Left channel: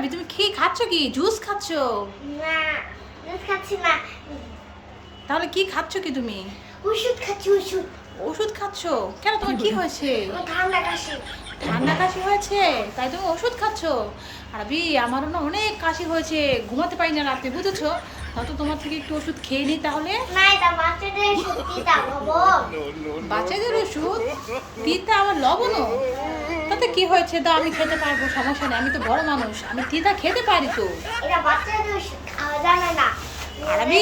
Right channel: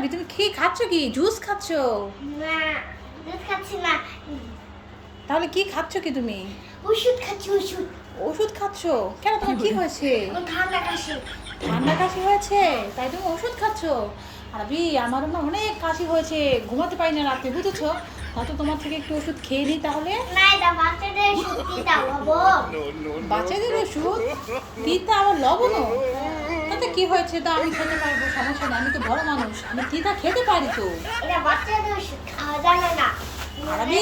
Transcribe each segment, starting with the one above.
আরবি তুমি কি খাচ্ছ? কি জুস খাচ্ছ? না, দুধ খাচ্ছি না। তাহলে কি খাচ্ছ কি তুমি? ওষুধ খাচ্ছি, ওষুধ। ওষুধ খাচ্ছ? কেন, তোমার কি হয়েছে? আমার ঠান্ডা কাশি। ঠান্ডা কাশি হয়েছে তাই তুমি ওষুধ খাচ্ছ? আরবি আমারও না অনেক কাশি হয়েছে, ঘুমাতে পারি না রাতে, বুঝেছো? তা তো তোমার থেকে একটু ওষুধ খেয়ে নিই তাহলে। না, এটা বাচ্চাদের সত্যি দাও বাবু। বাচ্চাদের ওষুধ তিতা আবার লবণও? তাতে কি হয়েছে? তা আমি খেতে পারবো, সমস্যা নেই, আমি তো বড় মানুষ, আমি তিতা খেতে পারি তো। এটা বাচ্চাদের ওষুধ খাওয়া যাবে না। আরবি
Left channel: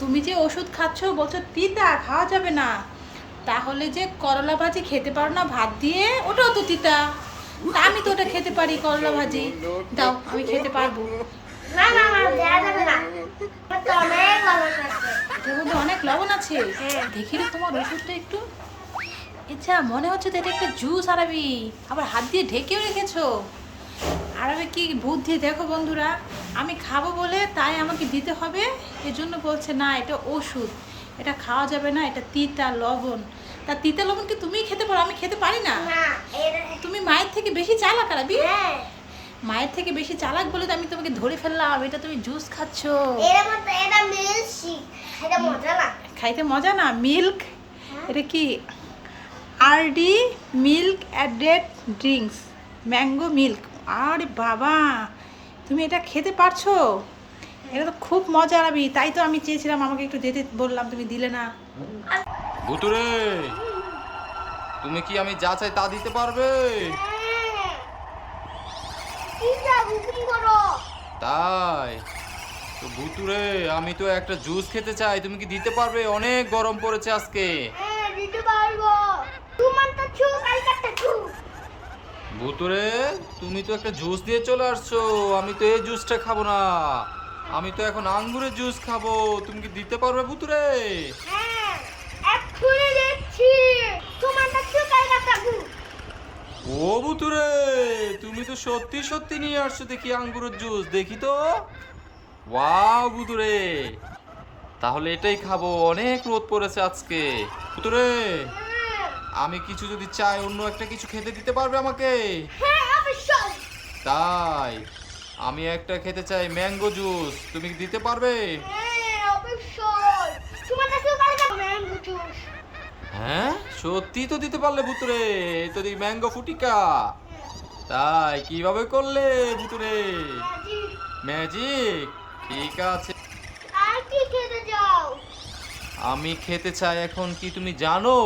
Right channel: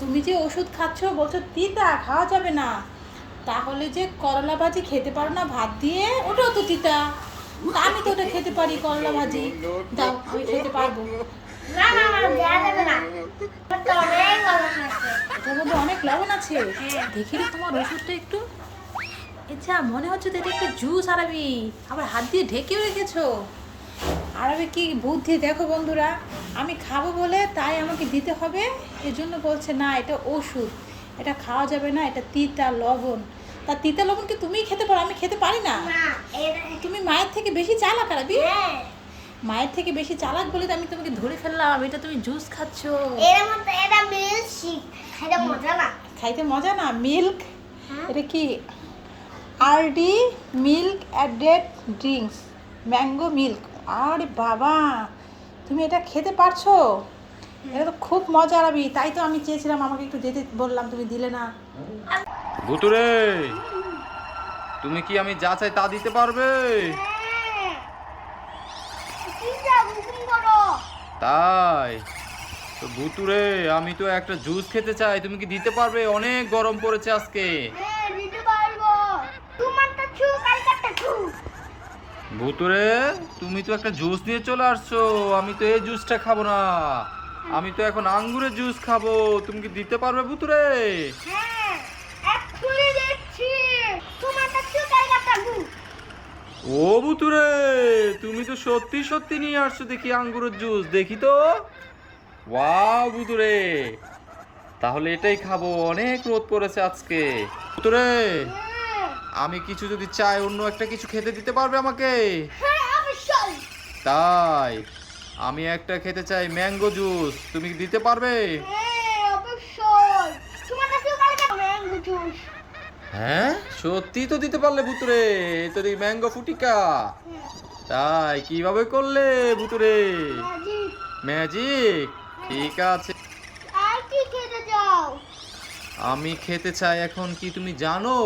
তুমি যে ওষুধ খাচ্ছ বলছো তিতা খাওয়া যাবে না, তাহলে যে করলা ভাজি খেতে পারো না ভাত দিয়ে, ওটাও তো তিতা। তা আমি তো ওটা খেতে পারি, করলা ভাজি দাও, আমি খেতে পারবো। না না না, দেওয়া যাবে না। এটা অনেক লবণ আছে। এটার মধ্যে অনেক লবণ আছে। দেখি রে তোমার ওষুধটা একটু। আচ্ছা, মনে হচ্ছে তো এটা একটা জুস আরবি, আবার হাত দিয়ে ঢেকেও রেখেছো। আরবি কি বুদ্ধি দেখো বন্ধুরা, আমি খাবো বলে তাই আমাকে দিতে হবে, এজন্য বলছে না এটা ওষুধ, এটা খাওয়া যাবে না, এটা তিতা লবণ। তা তিতা লবণ কি তুমিই খেতে পারো, আমি খেতে পারি না? না, এটা তুমি মায়ের থেকে বেশি চালাক আরবি। হ্যাঁ। মায়ের থেকে বেশি চালাক বলে তো আমি তোমাকে ধরে ফেললাম, এটা তুমি জুস খাচ্ছ। এর মধ্যে এটা মিল্কশেক। খাইতে মজা না। খাইতে মজা না? মিল্ক, হ্যাঁ। এটা কি? RD milk added drinks, mango milk. আরে বাবা, তুমি এটা খেতে পারছো? এটা তো খুব মজা আরবি, তাই তো আমি চেয়েছিলাম, আমাকে একটু দিতে বললাম, তুমি দিলে না। ভুতুরে, তুমি কি আমি যা চাই তা দিতে পারবে? হ্যাঁ। কি যা বিক্রি করো? তাই তো ভুতুরে, আমি তো একটা জুস খেতে চাই, তুমি কি দিতে পারবে? অনেক গরম পড়েছে আজকে। হ্যাঁ, দিতে পারবো। তোমার তো চুল কালকাটা চুল। ভুতুরে, তুমি তো একটা জুস নিয়ে চলে আসছো, আমি তো এই জুসটা খাবো না, আমি তো এখন আঙ্গুরের জুস খাবো, তুমি কি দিতে পারবে ভুতুরে? হ্যাঁ, এক্ষুনি দিচ্ছি। তোমার তো চুল কালকাটা চুল। ও ভুতুরে, তুমি তো সত্যি সত্যি নিয়ে আসছো দেখি আঙ্গুরের জুস, দেখি তো। ওয়াও ভুতুরে, তাহলে এটাই খাবো, অনেক রোদ পড়েছে আজকে। ভুতুরে, হ্যাঁ, আমি কিছু যদি চাই, অন্য একটা কিছু খেতে দিতে পারবে আমাকে? হ্যাঁ, অবশ্যই। তাই আমি একটা খেতে চাই ম্যাঙ্গো জুস, তুমি কি দিতে পারবে? হ্যাঁ, অবশ্যই। তোমার তো চুল কালকাটা ম্যাঙ্গো জুস। হ্যাঁ, সত্যি তো দিতে পারলে ভুতুরে, এই তো দেখি ম্যাঙ্গো ফুটিকা। তাই কিভাবে করলে ভুতুরে? ম্যাজিক। ম্যাজিক, ঠিক আছে। আর কি খেতে যাও? আমি খেতে চাই এখন কি তুমি জানো?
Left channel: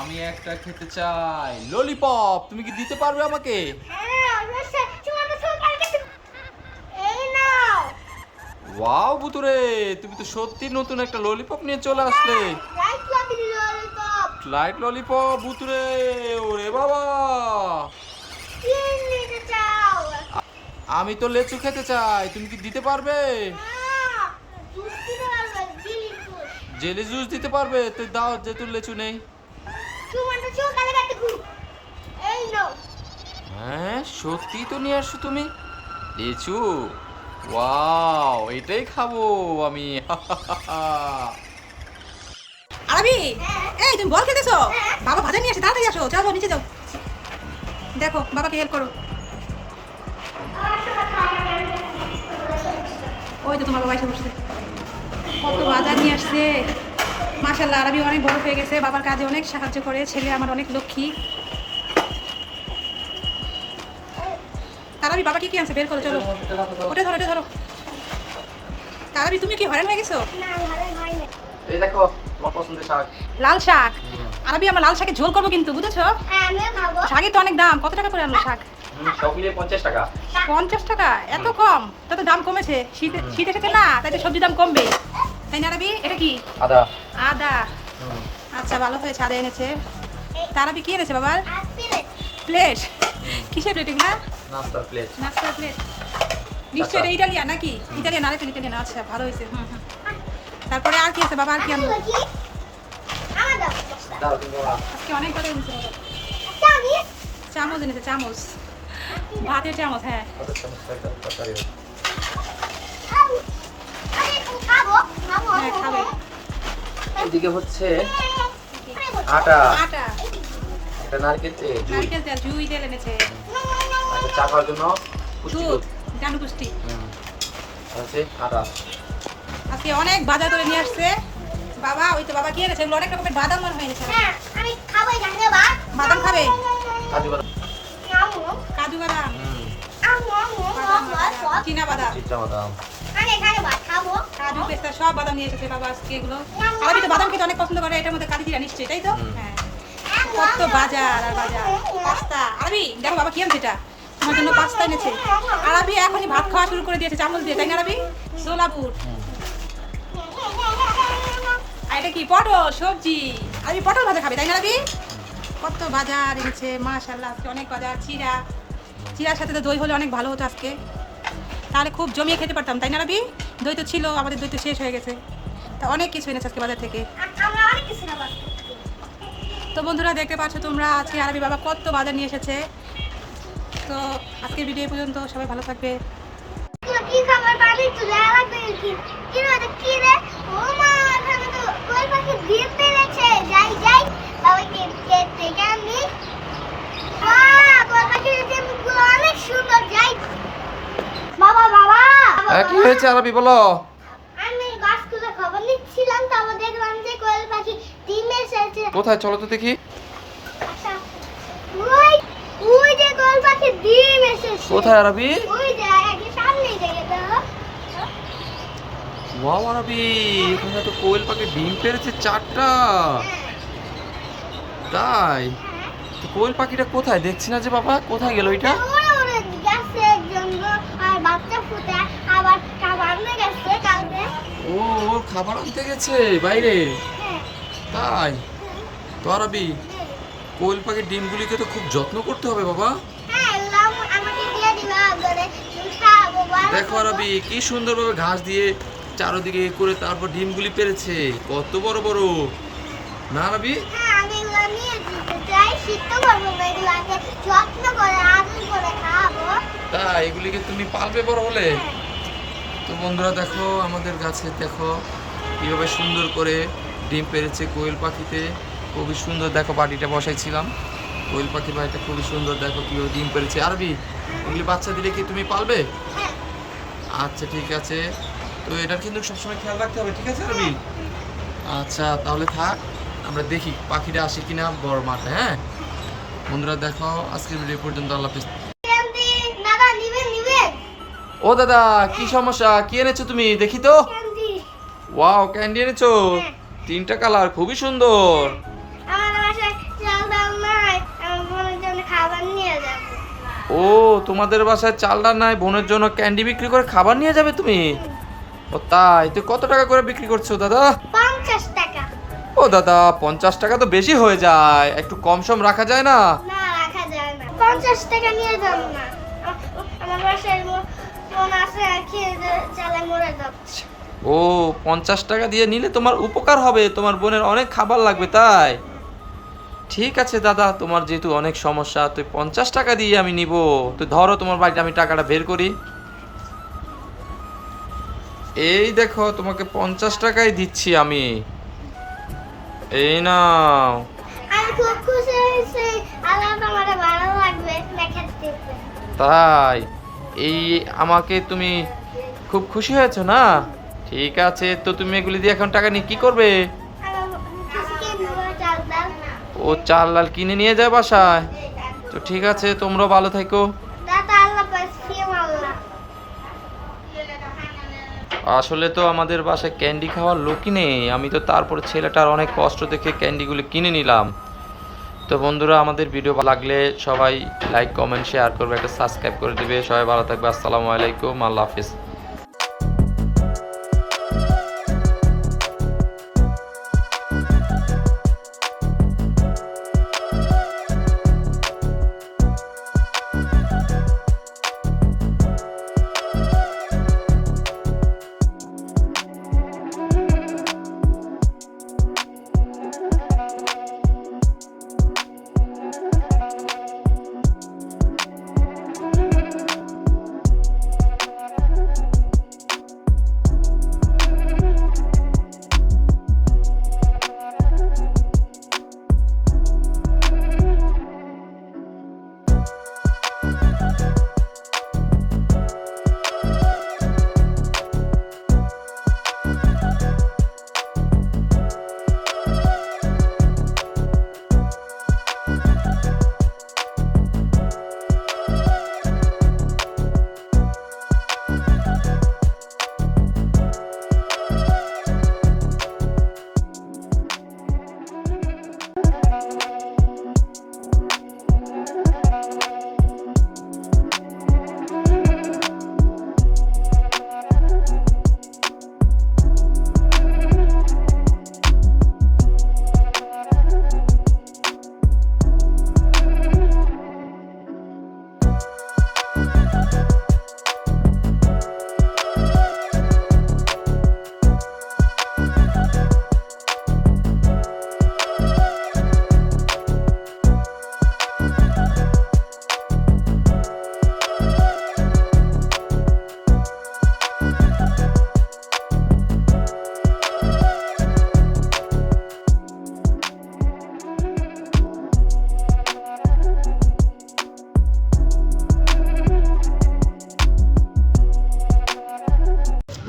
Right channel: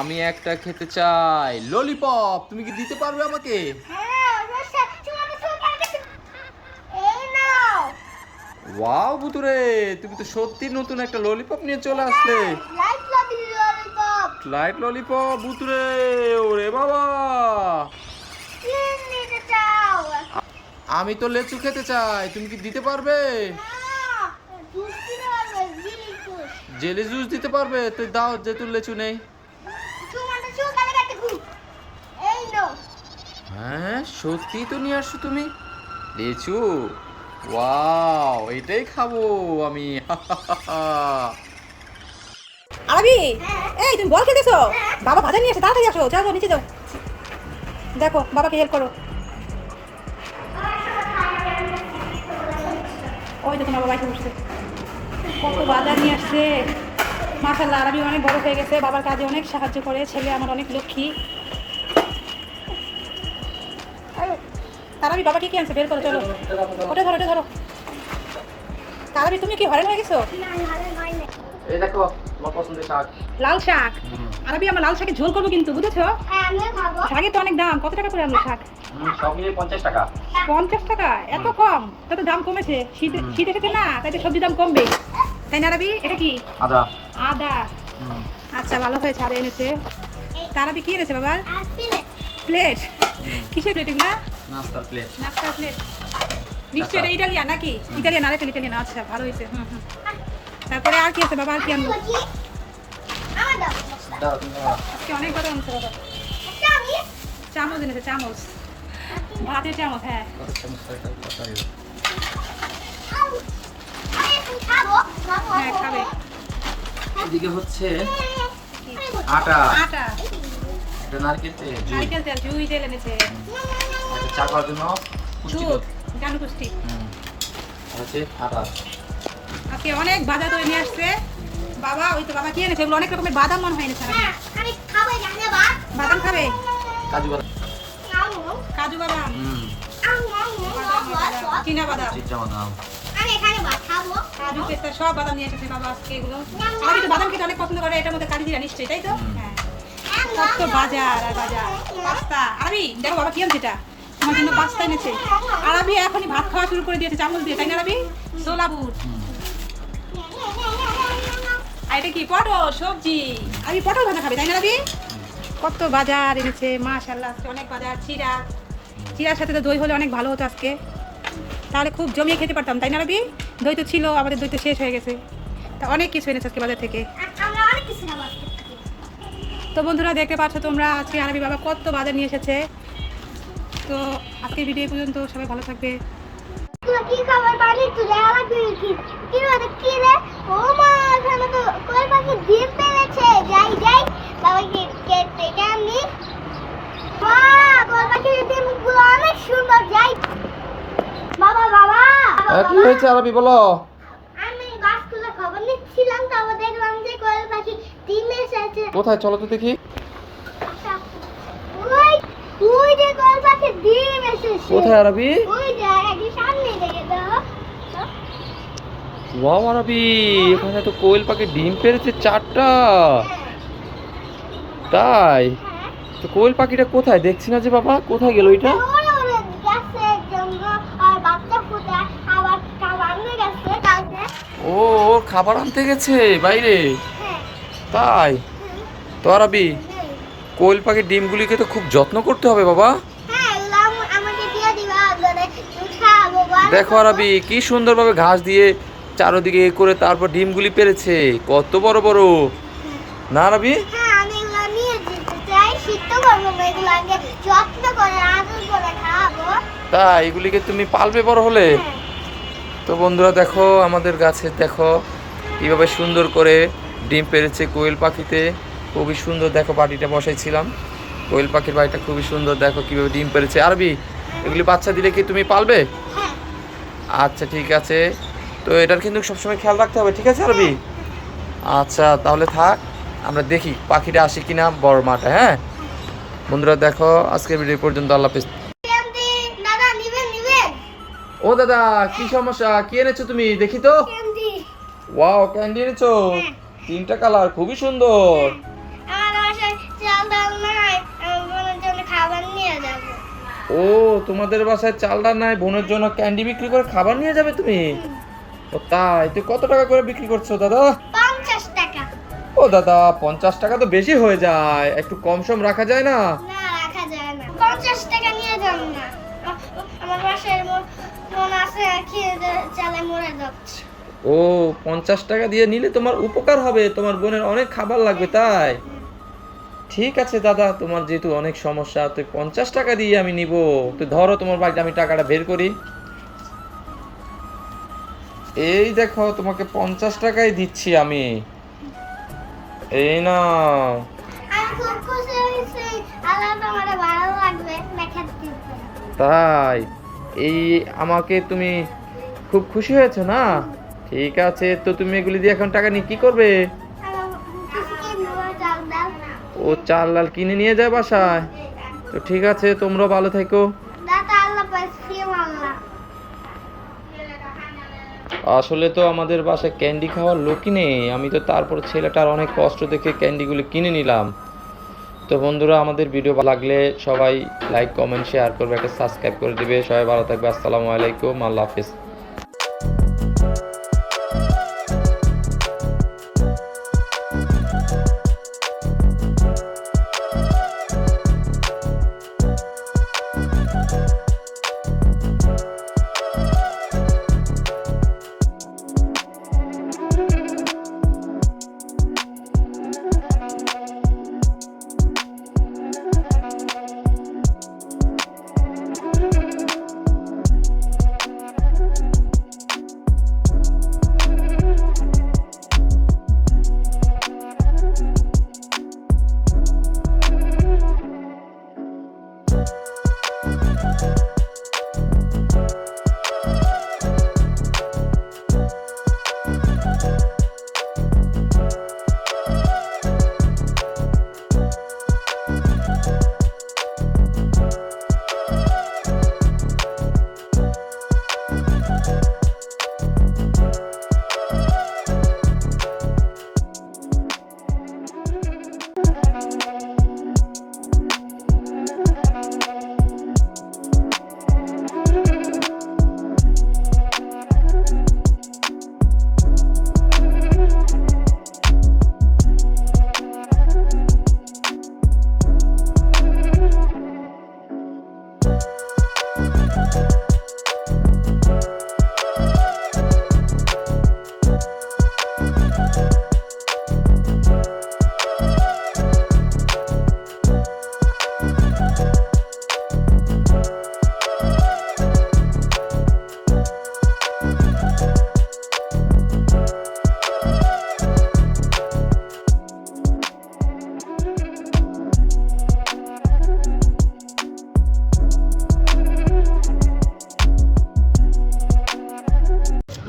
আমি একটা খেতে চাই ললিপপ, তুমি কি দিতে পারবে আমাকে? হ্যাঁ, অবশ্যই। তোমার তো চুল কালকাটা। এই নাও। ওয়াও ভুতুরে, তুমি তো সত্যি নতুন একটা ললিপপ নিয়ে চলে আসলে। লাইট লাভি ললিপপ। লাইট ললিপপ ভুতুরে, ওরে বাবা। কি নিতে চাও? আমি তো লেচু খেতে চাই, তুমি কি দিতে পারবে? হ্যাঁ, জুস দিতে পারবে, জিলি জুস। জেলি জুস দিতে পারবে? তুই দাও, যেহেতু লেচু নেই। তোমার তো চুল কালকাটা খুব। এই নাও। হ্যাঁ, সত্যি তো নিয়ে আসছো তুমি লেচু। ওয়াও, এটাই খাবো আমি। আরবি, এই তুমি বল খেতেছো? বাবা ভাজা নিয়ে আসে, তাড়াতাড়ি আসো, যাও যাও, নিচে যাও, দেখো বাবাকে হেল্প করো। ওই তো তোমার বাবা এসে বসছে, কত বাজার নিয়ে আসছে। মাশাআল্লাহ, আরবি অনেক বড় হয়ে গেছে, বাবার কাজে অনেক সাহায্য করে, ছেলে আমার অনেক লক্ষ্মী। আরবি বাবা কি কি আনছে বের করো, চলো ওটা ধরো, ওটা ধরো। আরবি তুমি কি হয়রান হয়ে গেছো? না, ভালো হয়নি। এই দেখো আমার পছন্দের শাক। লাল শাক। আরবি আমার লাল শাকের ঝোল করবো কিন্তু, বুঝেছো? হ্যাঁ, আমিও খাবো। শাকের তো অনেক দাম, কত টাকা করে আনলো শাক? সব মিলিয়ে 50 টাকা। 50 টাকা? এত কম? তো তো দাম কমেছে, শীত শীত এসেছে না, তাই তো সবজি দাম কমবে, তাই না আরবি? এটা কি? আদা। আদা। আচ্ছা, ভালো হয়েছে, আদা এনেছে। তার আরবি কি এনেছে বাবার? আর প্লেট। প্লেট? কিসের প্লেট এগুলা? নাস্তার প্লেট। নাস্তার প্লেট? নিশ্চয়ই এটা ইটালিয়ান নাকি? ইটালিয়ান, আরেকটা ইটালিয়ান, আচ্ছা ভালো হয়েছে। হুম হুম। তারপরে আর কি আছে বাবা, আর কি আনলো? কি? আমার দাও দশটা। দাও তুমি দাও। আজকে অনেক কথা এনেছে বাবা। আচ্ছা, আমি চামচ এনেছে, চামচ, ভাতের চামচ। হ্যাঁ, কত চামচ তরকারি? আমি এখন খাবো। খাবো। হ্যাঁ খাবে। এদিকে হচ্ছে কি? আটা, আটা, এটা নারকেল তেল, নারকেল তেল, জুই তেল এনেছে। চা খাওয়ার জন্য পুষ্টি দুধ দুধ। গানু পুষ্টি। আছে আদা। আজকে অনেক বাজার করে নিয়ে আসছে বাবা। ওই তো বাবা কি এনেছে, এগুলো অনেক রকমের বাদাম মনে হয় এনেছে। হ্যাঁ, আমি খাবো এখানে বা বাদাম খাবে? কাজু বাদাম। কাজু বাদাম, বাদাম চীনা বাদাম, চিটা বাদাম। আমি এখানে ভাত খাবো। কাজু পেস্তা সব বাদাম নিয়ে এসেছে বাবা আজকে এগুলো। আরবি তো বাদাম খেতে অনেক পছন্দ করে, এটার মধ্যে কালি জিরা নিশ্চয়ই, তাই তো? হ্যাঁ। কত বাজার আর বাজার। পাস্তা, আরবি দেখো বাবা কি আনছে, এটা তোমার জন্য পাস্তা এনেছে। আরবি এখনই ভাত খাওয়া শুরু করে দিয়েছে চামচ দিয়ে, তাই না আরবি? ছোলা বুট। আর এটা কি পটল সবজি, আরবি পটল ভাজা খাবে, তাই না আরবি? কত বাজার এনেছে মাশাআল্লাহ, আজকে অনেক বাজার। চিরার সাথে তো দই হলে অনেক ভালো হতো আজকে, তাহলে খুব জমিয়ে খেতে পারতাম, তাই না রবি? দই তো ছিল, আমাদের দই তো শেষ হয়ে গেছে। তা অনেক কিছু এনেছে আজকে বাজার থেকে। আমরা অনেক কিছু খাবার। তো বন্ধুরা দেখতে পাচ্ছ তোমরা, আজকে আরবি বাবা কত বাজার নিয়ে এসেছে। তো আজকের ভিডিও পর্যন্ত, সবাই ভালো থাকবে। কি খাবার বানাই তুলে আলাদা কি কি রে কি রে? ও মা, এখানে তো কই পাখি ডিম পেড়েছে। যাই বাবাকে কেটে আনি। বাহ, কই পাখির ডিমগুলো অনেক সুন্দর। যাই বাবা। কি হয়েছে আরবি বলো? আমি গাছ তুলে খবর নিচ্ছিলাম, তারপর দেখলাম যে কোয়েল পাখি ডিম এসেছে। কোথায় চলো তো দেখি। আচ্ছা, ওই যে কোয়েল পাখি ডিম এসেছে। কোথায় আরবি? ওই যে একই সামনেই দেখে দাও। ওয়াও আরবি, এখানে তো কোয়েল পাখি ডিম পেড়েছে 4টা। তাই তো কোয়েল পাখিটা কোথায় দেখছি না যে বাবা, কোথায় গেল এটা? ওরে গেছে একজন আর বাচ্চা ফুটে আবার খাবার নিয়ে গেছে কালকে। ও খাবার আনতে গেছে বাইরে। তাই তো আরবি, কোয়েল পাখির ডিমগুলিকে তো খুব যত্ন করতে হবে বাবা। হ্যাঁ, এগুলো আমাকে দিয়ে দিবা, ধরে খাবো। দেখো আরবি, কি সুন্দরভাবে ঘাস দিয়ে চারদিকে এ করে তারপর ডিমগুলি পেরেছে, কত বড় বড় না আরবি? হ্যাঁ, আমি এগুলো নিয়ে যেতে চাই, শিখতে পারবো না। এগুলোকে যত্ন করে আদর করে খাবো। তা এগুলিকে তুমি পালবে বড় হলে। তো বন্ধুরা দেখো, আমাদের গাছে দেখো কীভাবে সুন্দর করে ডিম পেরেছে কোয়েল পাখিতে। খুবই সুন্দর, দেখো বাড়িটা বসাইছিলাম, কোয়েল পাখির বাড়িটা খুবই সুন্দর। দেখো কীভাবে ডিম পেরেছে। আরবি, এগুলি বাচ্চা দিলে কি তুমি পালবে? হ্যাঁ, আচ্ছা ঠিক আছে, তো এটার কিন্তু সবসময় খেয়াল রাখতে হবে, ঠিক আছে আরবি? আচ্ছা তাহলে থাক, আমরা দেখি পাখিটা আসে কিনা বড় মাঠে। হ্যাঁ বন্ধুরা দেখো, আজকের ভিডিও পর্যন্ত, আল্লাহ হাফেজ। ক্যান্ডি দাদা নিবেন। ও দাদা, কি সমস্যা, কি এনেছো তুমি দেখি তো? ক্যান্ডি ওয়াও, ক্যান্ডি এনেছো 3টা কালার, খুবই সুন্দর। আমার বাসায় চাল ডাল নাই, আমার বোনের জন্য খাবার নিয়ে যাবো। ও তোমাদের বাসায় চাল ডাল নাই, বোনের জন্য ক্যান্ডি বিক্রি করে খাবার নিয়ে যাবে তুমি? ও তাই, তো কত টাকা করে বিক্রি করছো দাদা? 50 টাকা। ও দাদা, 50 টাকা তো বেশি হয়ে যায়, একটু কম সম রাখা যায় না? না, রাখা যায় না। 50 টাকা নিয়ে যান না। আমার বাসায় বোন আছে, খেয়ে চালে মরে যাচ্ছে। ও 50 টাকা দিয়ে নিলে তোমার উপকার হবে, তোমার বোনের অনেক খাবার লাগবে, তাই ঠিক আছে দাদা, তোমার যেহেতু অনেক সমস্যা, তুই 50 টাকা দিয়ে আমি নিব। তুই ধরো তোমার বাড়িতে আমি টাকাটা বের করি। এই দেখো, তোমাকে 50 টাকাই দিচ্ছি আমি, এই নাও। আমি খুব খুশি হয়েছি, আল্লাহ আমারে ভালো লাগবে দেখাতে। তাই এই আমাকে তুমি খুব খুশি হয়েছো না? ঠিক আছে, তো তুমি এগুলি দিয়ে এখন টাকা নিয়ে কি করবে? চাল ডাল। ও চাল ডাল কিনে নিয়ে যায় বাসায়। তো ঠিক আছে, তোমরাও ভালো থেকো। দাদা আল্লাহ পাইছি আল্লাহ। আসলে তো আমাদের বাসায় ক্যান্ডি খাওয়ার লোকই নেই, আমি তো তারপর ছেলেটার অনেক কষ্ট দেখে ক্যান্ডিগুলো কিনে নিলাম। তো বন্ধুরা, আমাদের ভিডিও ভালো লাগলে সবাই লাইক কমেন্ট শেয়ার করবে, একটা সাবস্ক্রাইব করে দিবে। সবাই ভালো থাকবে, আসসালামু আলাইকুম, আল্লাহ হাফিজ।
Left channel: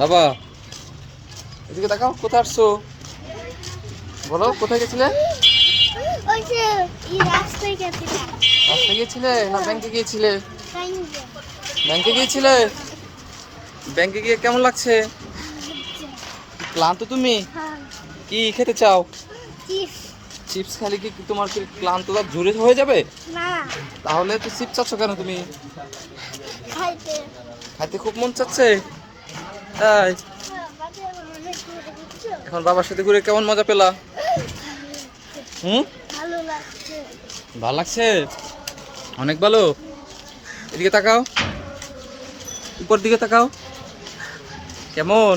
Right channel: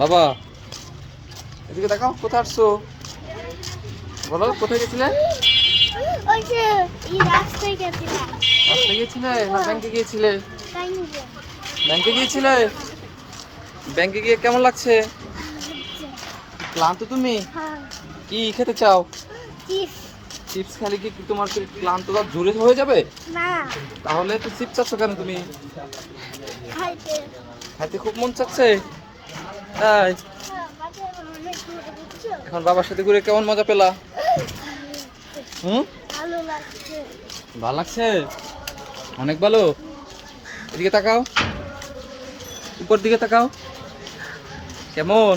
বাবা এদিকে দেখাও, কোথায় আসছো বলো, কোথায় গেছিলে? ওই যে এই রাস্তায় গেছিলাম। রাস্তায় গিয়েছিলে না ব্যাংকে গিয়েছিলে? বাইরে। ব্যাংকে গিয়েছিলে? ব্যাংকে গিয়ে কেমন লাগছে? ক্লান্ত তুমি? হ্যাঁ। কি খেতে চাও? চিপস। চিপস খালি কি তোমার কি ক্লান্তটা দূরে হয়ে যাবে? না। তাহলে তো চিপস চাচ্ছ কেন তুমি? খাইতে। খাইতে খুব মন চাচ্ছে তাই? বাজারে অনেক ঘুরে বুঝছো? এখন বাবার সাথে ঘুরে কেমন মজা পেলা? ভালো লাগছে। ভালো লাগছে, অনেক ভালো। এদিকে তাকাও, উপর দিকে তাকাও, কেমন?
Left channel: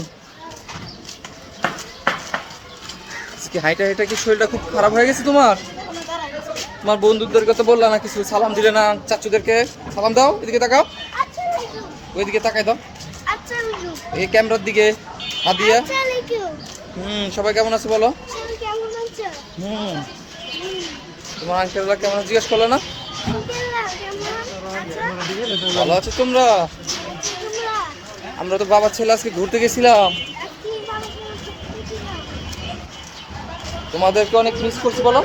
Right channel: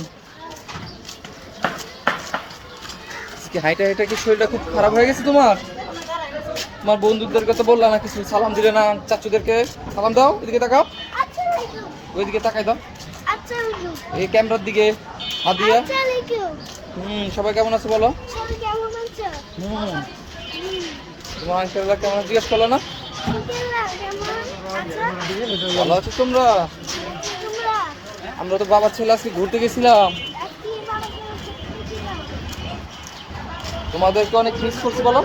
আজকে হাইটা হাইটা কি শরীরটা খুব খারাপ হয়ে গেছে তোমার? তোমার বন্ধুদেরকে তো বললা না কিছু, সালাম দিলে না, চাচুদেরকে সালাম দাও। এদিকে তাকাও, আচ্ছা লাইকু। ওইদিকে তাকাই দাও, আচ্ছা লাইকু। এই ক্যামেরার দিকে হাত দিয়া। আচ্ছা লাইকু। সবাই কেমন আছে বলো? সবাই কেমন আছো? তোমার আঙ্কেলরা কেমন জিজ্ঞেস করলে না? আঙ্কেলরা কেমন আছো? ভালো আছো তোমরা? তোমরা আমরা তো বাবার ছেলে আজকে ঘুরতে গেছিলাম, আজকে বাবার সাথে ঘুরতে গেছিলাম। তোমাদেরকে অনেক মিস করছি বলো।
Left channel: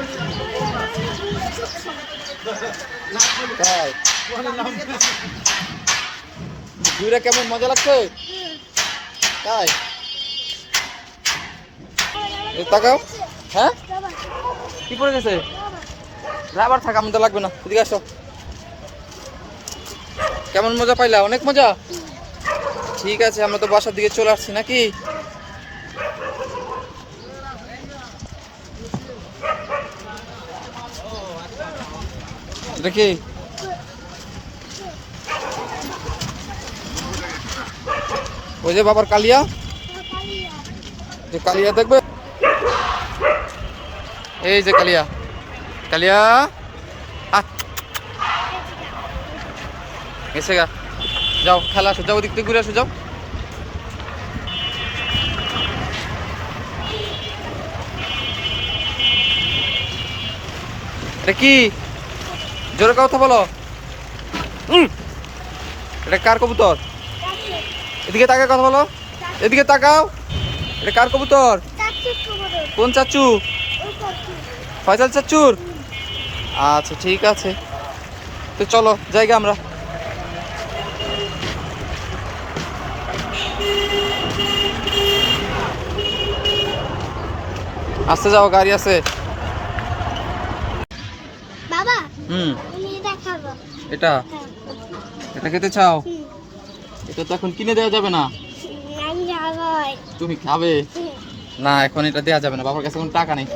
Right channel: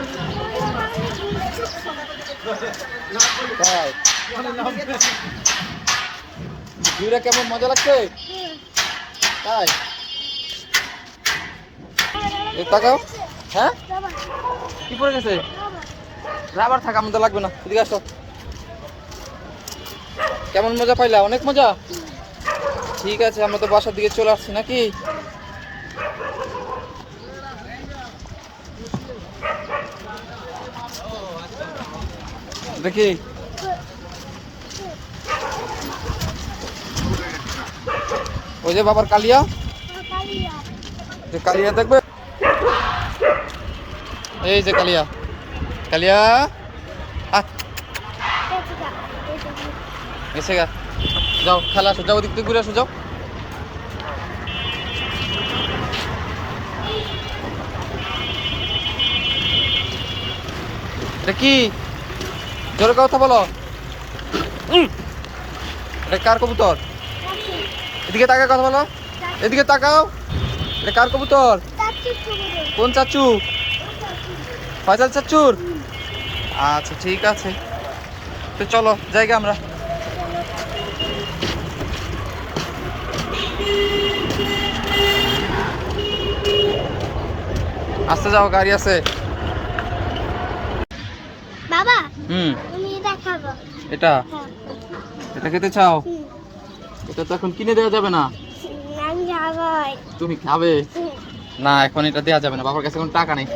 তাই ঘুরে কেমন মজা লাগছে? তাই এই তাকাও। হ্যাঁ কি পড়ে গেছে? রাবার থাকা আমাদের লাগবে না, এদিকে আসো। কেমন মজা পাইলা? অনেক মজা। ঠিক আছে, আমরা তো বাসার দিকে চলে আসছি নাকি? দেখি ওই যে বাবার কালিয়া, যে কালিয়া দেখবে, এই যে কালিয়া, কালিয়া গেছে গা। যাও খেলা আসো, যাও ওদিক থেকে ঘুরে আসো, যাও। এটা কি? জোরে কথা বলো। এটা কার কবুতর? এদিকে তাকাও, কথা বলো। এদিকে তাকাও, এটা কার কবুতর? কোন চাচু? ফয়সাল চাচুর? আচ্ছা ঠিক আছে, তো চলো জায়গা আমরা। আসতে যাও, গাড়ি আছে। বাবা হুম তুমি এটা খাবো। এটা হ্যাঁ। এটা খেতে চাও? হুম। এটা তো এখন কিনে দেওয়া যাবে না। আমি খাবই। তুমি খাবে না? এখন এটা দেওয়া যাবে না, বাবার কাছে কোনো টাকা নেই,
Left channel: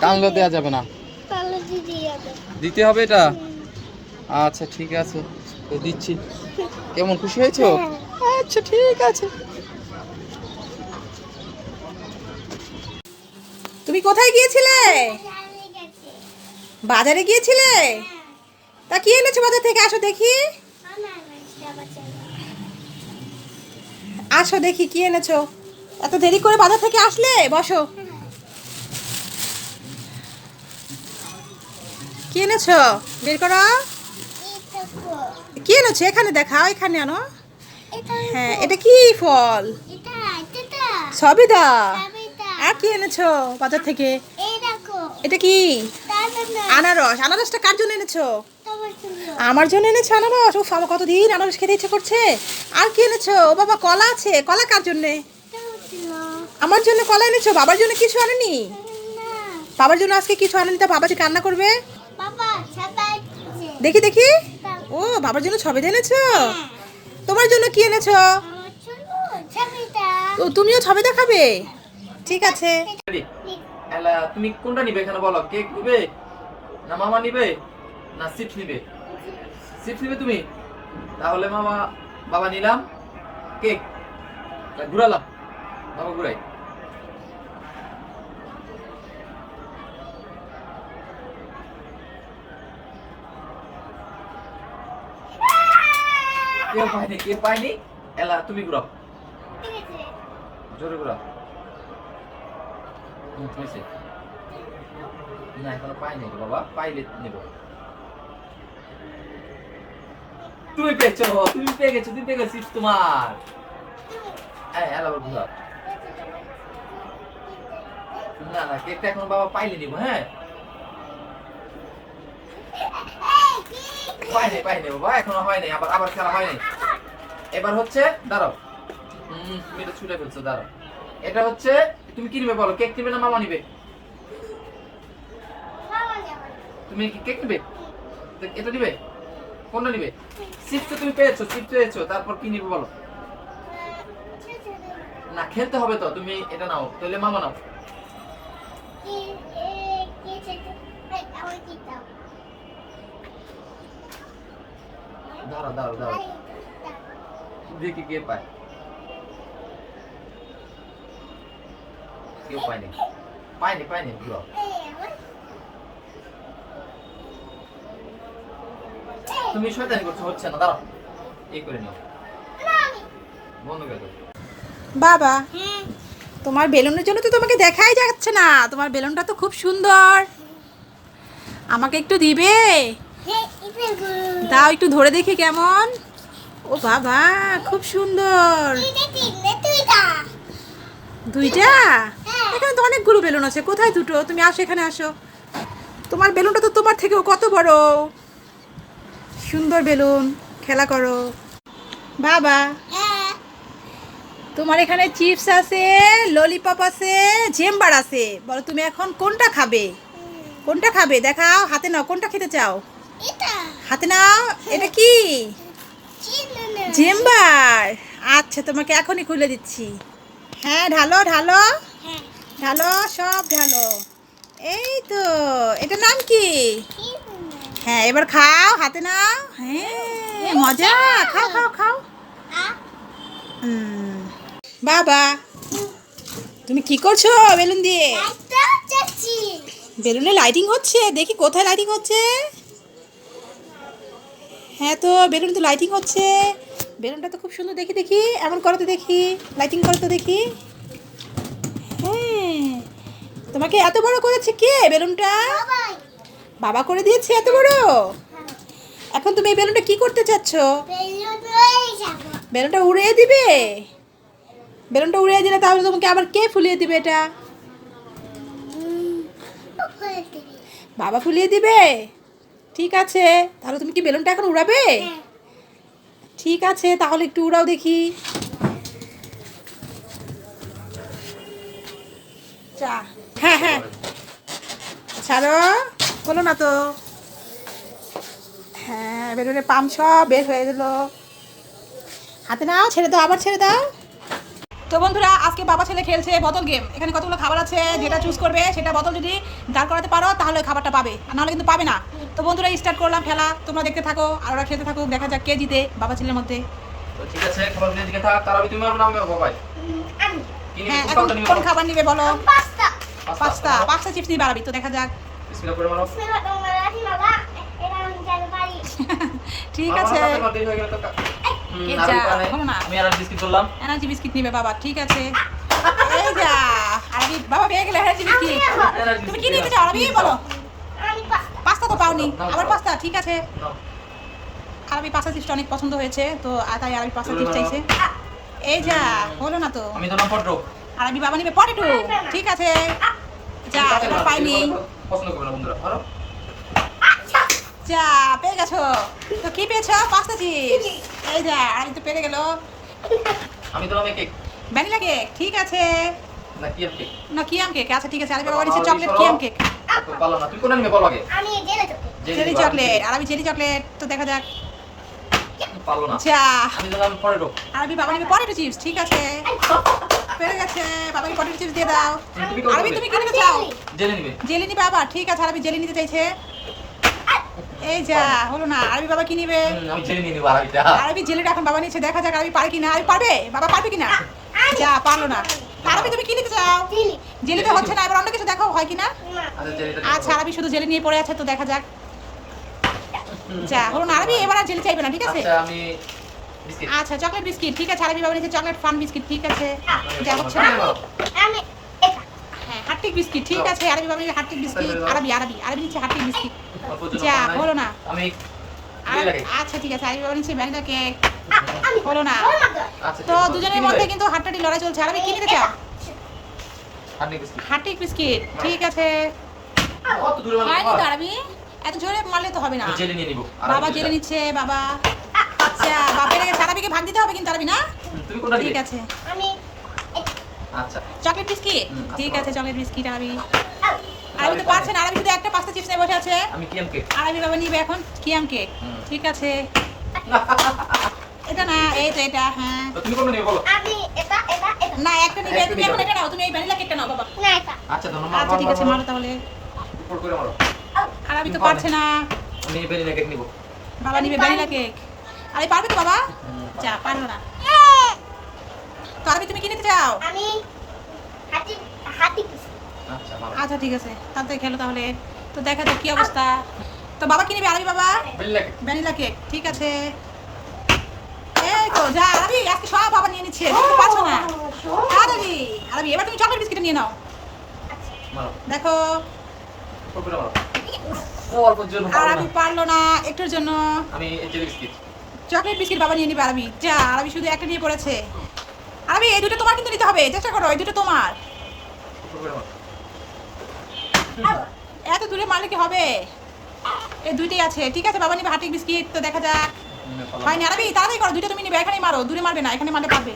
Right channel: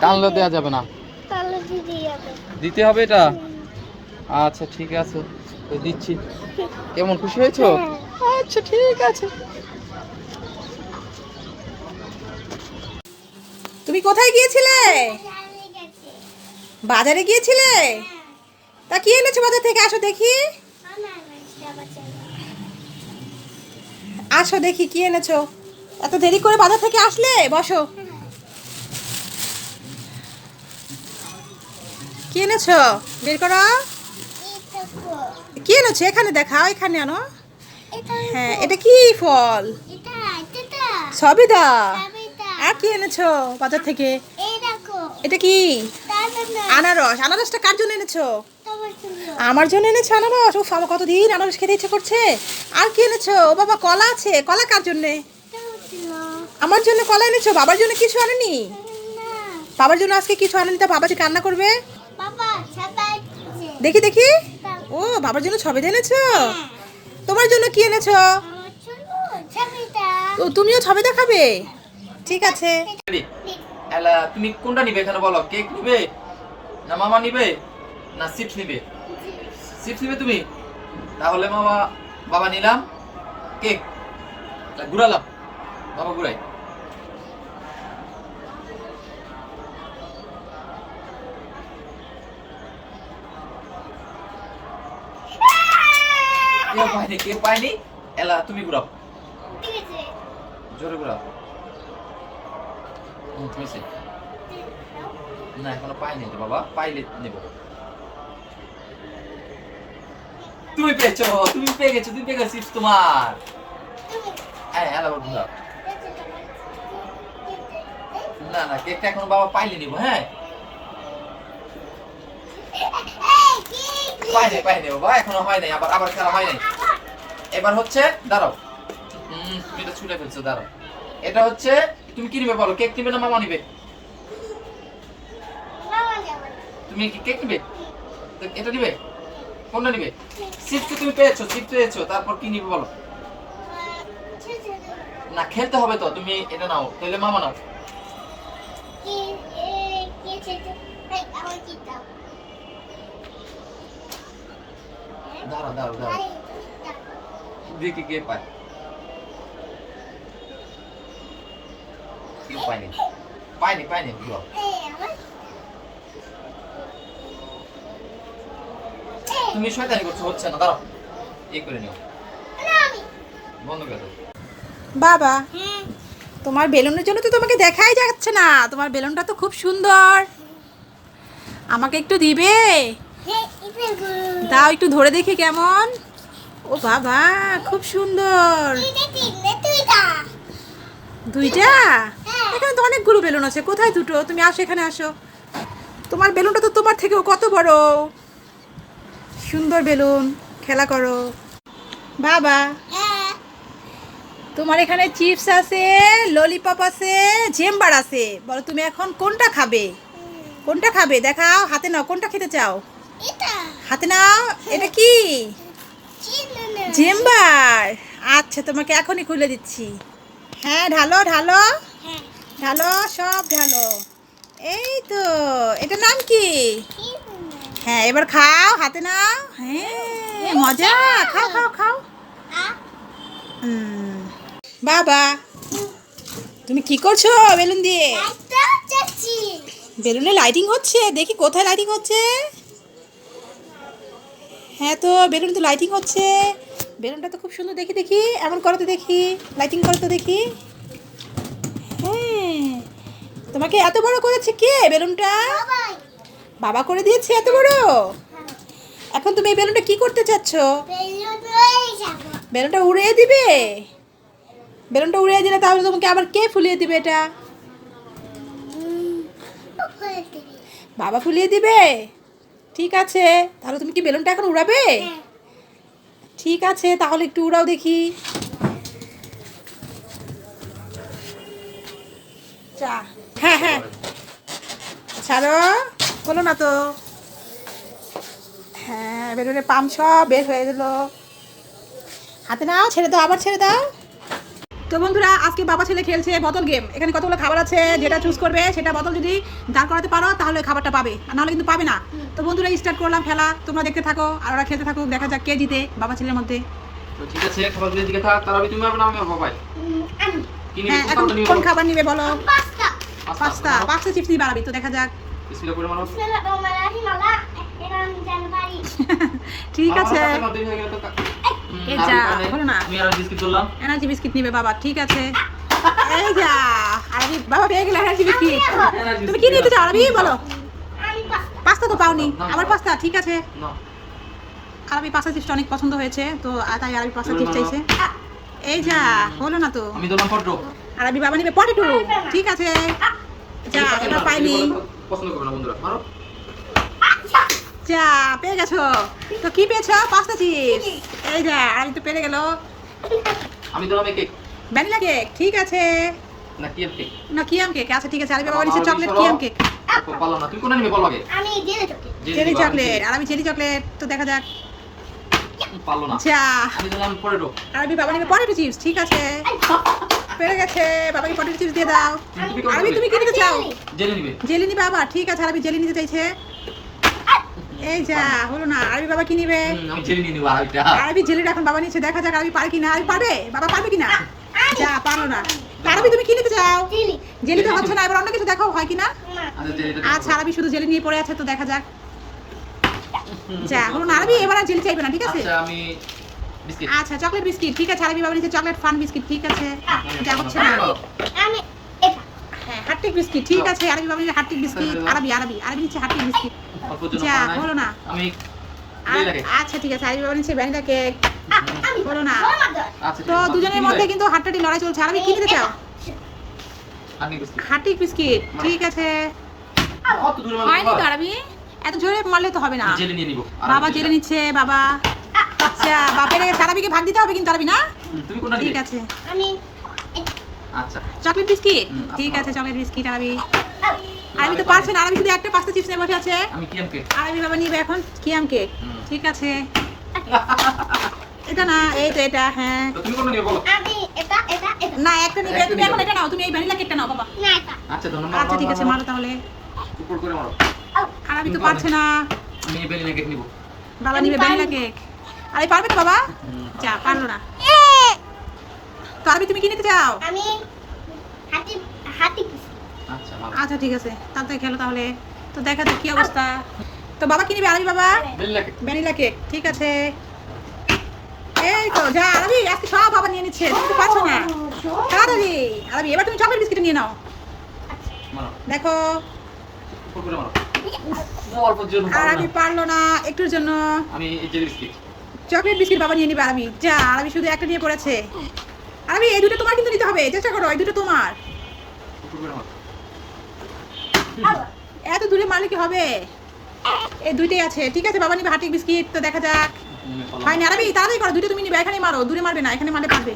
টানলেও দেওয়া যাবে না, তাহলে দিদি যাবে। দিতে হবে এটা। আচ্ছা ঠিক আছে, তো দিচ্ছি। কেমন খুশি হয়েছো? আচ্ছা ঠিক আছে। তুমি কোথায় গিয়েছিলে? বাজারে গিয়েছিলে? তা কি এনেছো বাজার থেকে? আসো দেখি, আসো দেখি কি এনেছো। এত দেরি করে বাজার থেকে আসলে? বসো। কি এনেছো? বের করো। কি এনেছো? এখানে দেখাও, এখানে আনো। হ্যাঁ, এটা কি ফল? সবেদা। আর কি এনেছো বাজার থেকে? এটা কি? আনারস। আনারসটা কার জন্য এনেছো? আমার জন্য এনেছো আনারস? উফ, আমার কতদিন আনারস খেতে ইচ্ছে করছে। আর কি এনেছো? ও বাবা, কলা আছে। কলা কার জন্যে? আমার জন্য কলা এনেছো, বাবার জন্য কিছু আনেনি? বাবার জন্য আজকে কিছু আনেনি, তা বাবা যে কান্না করবে। দেখি দেখি। ও, বাবার জন্য সবেদা এনেছো। তোমার জন্য কি এনেছো? ও, তুমিও সবেদা খাবে? ঠিক আছে। তুমি কোনটা নিবে এখানে বলো? কেক নিবে না মামা নিবে না চিপস নিবে? চিপস নিবে তুমি? তাহলে মামা বাবা নিলাম কেক, ঘুরালাম, বাবা ঘুরাই। কেউ পায়নি, কেউ পায়নি। এলা তুমি ঘুরাও, জোরে ঘুরাও। হয়েছে না, এখনো পাইনি তো বাবা, পাইলে নেব। তুমি পেয়েছো, তুমি পেয়ে গেছো, তুমি পেয়ে গেছিস তোমার। হ্যাঁ হ্যালো বন্ধু, না না কেকটা এখন বাবা পাইলে নিব। হ্যাঁ পাইনি বাবা, এখনো হয় নাই, আবার আবার খেলা হয় নাই। এবার হচ্ছে দাঁড়াও, তুমি এটা ছুটে ফেলছো, দাঁড়াও। এটা হচ্ছে তুমি কি নিবে বলো, কেক নিবে না মামা নিবে? তুমি কি কেক নিবে? এটা নিবে? কোনটা নিবে? চিপস তুমি পেয়েছো, চিপস পেয়েছো, তারপর কি নিবে বলো? না খেলতে হবে তো, তুমি এটা নাও, তাহলে মামা নাও। দাঁড়াও দাঁড়াও দাঁড়াও, দেখি কে পায়। কেউ পায়নি, পায়নি পায়নি, বুঝলো? তুমি শয়তানি করছো, হচ্ছে না, দাঁড়াও এই করে নিও, বন্ধ করে দাও। বাবা, তোমার বেলুনের জন্য তো তোমাকে দেখাই যাচ্ছে না, তোমার বেলুনটা তো খুব সুন্দর, আমাকে একটু দিবে? দাও একটু ধরে দেখি কেমন। ও বাবা, খুব সুন্দর। দুইটা? এখানে তো অনেকগুলো বেলুন আছে, কোথায় দুটো? তুমি আসো, এখানে আসো। তোমার বেলুনটা তো তোমার থেকেও কত বড়, সুন্দর বেলুন, খেলা করো। বাবা, তোমার এখানে চিপস আছে, ললিপপ আছে, জেম্বার আছে, বলো তুমি এখন কোনটা খাবে? কোনটা খাবে দেখাও, হাতে নাও, কোনটা খেতে চাও? হাতে নাও। এটা কি? জেম্বার। আচ্ছা, তোমাকে এখনই খুলে দিচ্ছি। হ্যাঁ ঢালো ঢালো ঢালো, সব ঢালো। এই তো, এটার নাম কি? হ্যাঁ এবার খাও, হাতে নাও। হ্যাঁ মজা, খাও খাও খাও। বাবা, তুমি কি করছো বেলুন দিয়ে? বেলুনে লাইটিং হচ্ছে, দেখি কোথায় লাইটিং হচ্ছে। হ্যাঁ তো বেলুন তো লাইটিং হচ্ছে, বেলুনটা তো খুব সুন্দর, দেখি দেখি, এমন করো তো দেখি, লাইটিং করো তো দেখি। হ্যাঁ, তোমাকে এত বড় করেছে কে বেলুনটা? বাবা করে দিয়েছে এত বড়। এখন তুমি এই বেলুনটা কি করতে চাচ্ছ? বেলুনটা উড়িয়ে দিবে? বেলুনটা উড়িয়ে দিলে তাহলে তোমাকে আবার কে ফুলিয়ে দিবে এটা? বাবা ফুলিয়ে দিবে? ঠিক আছে, তাহলে তুমি কি বেলুনটা এখন উড়াবে? ঠিক আছে, তাহলে একটু উড়াও দেখি। হ্যাঁ হ্যাঁ, ছাড়ো, বলো না তো। হ্যাঁ, বেলুনের পাম্প সব বের হয়ে গেল। হাতে নাও, ছেড়ে দাও, আবার ছেড়ে দাও। তো বন্ধুরা, আজকে বাবা ছেলে খেলছে বোতল গেম। এখানে কতগুলো খাবার আছে, যেটা চুজ করবে সেটা বোতল যদি দাঁড় করাতে পারো তাহলে খাবারটা পাবে, আর নাহলে কিন্তু পাবে না। তো বন্ধুরা, স্টার্ট করলাম খেলা, তোমরা দেখতে থাকো আর ওরা খেলতে থাকো, দেখা যাক কে জিতে বাবা ছেলের মধ্যে। তো ঠিক আছে, খাবারগুলো দিকে থাক, তারপরে তুমি আসবে না, আমি বাবাই। হ্যাঁ, এখন কোন খাবার নিবে বলো? পাস্তা চিপস নিয়ে বাড়াবি, তো দেখা যাক। বিসমিল্লাহ করে মানো। ঠিক আছে, এই যা, বলো না। আমি আর বিস্কিট করলাম, এনার্জি বিস্কিট নিবে বাবা, ঠিক আছে। এই যা, আরবি বাবা পেয়ে গেলে এনার্জি বিস্কিট। তুমি কি নিতে চাও আরবি, বলো? পাস্তা তো পাওনি, আবার পাস্তা, ঠিক আছে। আরবি পাস্তা চিপসটা অনেক পছন্দ হয়েছে, তো তাই আরবি পাস্তা চিপস চাইছে। এই যা, হলো না তো। আমি দিলাম পটেটো। আরবি বাবা নিবে পটেটো, ঠিক আছে। যা, এবার পাইনি। পছন্দ করবে না বন্ধুরা, ধরো। যা, পেয়ে গেছো। তো কি পেয়েছো? Pasta chips. এই যা, আমি তো পেরে গেল। আমি দিলাম এই কেক। ভ্যানিলা কেক, ঠিক আছে। না কি কেক? না কিয়াম কেক, আচ্ছা ঠিক আছে। আরবি বাবা নিচ্ছে চকলেট কিয়াম কেক। পারলাম না, তুমি কোনটা নিবে বলো আগে? আমি জেলি চকলেট। জেলি চকলেট, আরবি জেলি চকলেট, তো দেখা যাক। পারলো না। যা, আমি দিলাম পটেটো। আরবি বাবা নিবে পটেটো চিপস, ঠিক আছে। পেরে গেছে, বাবাকে পটেটো চিপস দিয়ে দাও। আরবি তুমি কি নিতে চাও? জেলি নিবে। জেলি নিবে বাবা, ঠিক আছে। আরবি জেলি নিতে চাইছে। এই যা, হলো না। আরবি বাবা কি নিবে? আমি জেলি নিয়ে নিব আরবিটা। আরবি জেলিটা এখন বাবা নিচ্ছে, দেখা যাক আরবি পারে কিনা। আরবি পারবে? বাবা পারবে কিনা? যা, পারলো না। আরবি তুমি কি নিতে চাও? জেলি তো হচ্ছে না, এবার অন্য কিছু দেখো হয় কিনা। আচ্ছা জেলিটা। আচ্ছা, আরবি শুধু জেলি নিয়ে পড়ে আছে, তো দেখা যাক। যা, হলো না। আরবি এবার আর জেলি চাইবে না, ঠিক আছে। আচ্ছা আমি বিস্কিট। আচ্ছা, চকলেট বিস্কিট, ঠিক আছে। আরবি বাবা নিচ্ছে চকলেট ফান বিস্কিট, ঠিক আছে। যা, হচ্ছে না। আমি এটা হ্যাঁ, হার্টিক বিস্কিট, ঠিক আছে। আরবি বাবা নিচ্ছে হার্টিক বিস্কিট। আরবি নিচ্ছে হার্টিক বিস্কিট। যা, হলো না। আমি আরবি ভ্যানিলা কেক। আচ্ছা ঠিক আছে, আরবি বাবা নিচ্ছে ভ্যানিলা কেক। হলো না। আচ্ছা তো দুজনের মধ্যে কিন্তু হাড্ডাহাড্ডি লড়াই চলছে। আরবি কি নিতে চাও? হানি বিস্কিট। হাটিক বিস্কিট, ঠিক আছে। কত দূরে মানে হয়নি তো আরবি, এত জোরে মারলে তো হবে না। জেলে নিয়ে নিব। বাবা জেলে নিচ্ছে বাবা। আচ্ছা বাপের আরবিকে ভাগ দিতে হবে কিন্তু আরবি না? তুমি কোনটা ঠিক নিবে? আছে। আমি আচ্ছা চকলেট বিস্কিট, ঠিক আছে চকলেট বিস্কিট আরবি। আরবি তো পারছে না, আরবি শুধু একটা পাস্তা চিপস নিয়ে বসে আছে। আমি কিয়াম কেক। আরবি বাবা নিবে এখন কিয়াম কেক, ঠিক আছে। এটা না, এই তো এটা, হ্যাঁ। তো তুমি কোনটা নিবে বলো? আমি এটা না একটা নিবে, তুমি এখন এটা নাও, তুমি এই ভ্যানিলা কেকটা নাও বাবা। না এটা আচ্ছা ধন্যবাদ। আচ্ছা ঠিক আছে, মারো তাহলে। উপর করে মারো। আরবি তো পারছে না, আমি ভ্যানিলা কেক নিব। বাবা নিবে ভ্যানিলা কেক। আরবি পারবে তো বাবা? যা, পারলো না। তো আরবি তুমি কি নিতে চাও? আমি হাতি হাতি আচ্ছা মারো। আচ্ছা ঠিক আছে, তাড়াতাড়ি খেলো তাহলে। তো দেখা যাক কি অবস্থা। তো বাবা কি নিবে আরবি বাবা? Vanilla cake. ভ্যানিলা কেক, ঠিক আছে। এই তো যা আরবি, আজকে সব বাবা নিয়ে নিচ্ছে, তুমি তো পারছো না। তাড়াতাড়ি আরবি, এবার তুমি চকলেট বিস্কিট নিয়ে নাও। মারো। দেখো উপর করে মারো। ও অল্প জন্য আর আরবি পারলো না একটুর জন্য। আমি এই যে বিস্কিট। চকলেট বিস্কিট বাবা নিয়ে নিবে আরবি। যা, আরবি শুধু একটা নিয়ে পড়েছে। আরবি এই দুটো তোমার কিন্তু নিতে হবে, চেষ্টা করো, এই দুটো তোমার। উপর করে মারো। এত দূরে মারলে কি হবে? এই দুইটাই আছে, ঠিক আছে বাবা নিবে হাটিক বিস্কিট। তো দেখা যাক। হয়নি আরবি, তাড়াতাড়ি করো, দুইটা তুমি নিবে, এখানেই মারো, দূরে মারবে না, এখানে মারলে পারবে।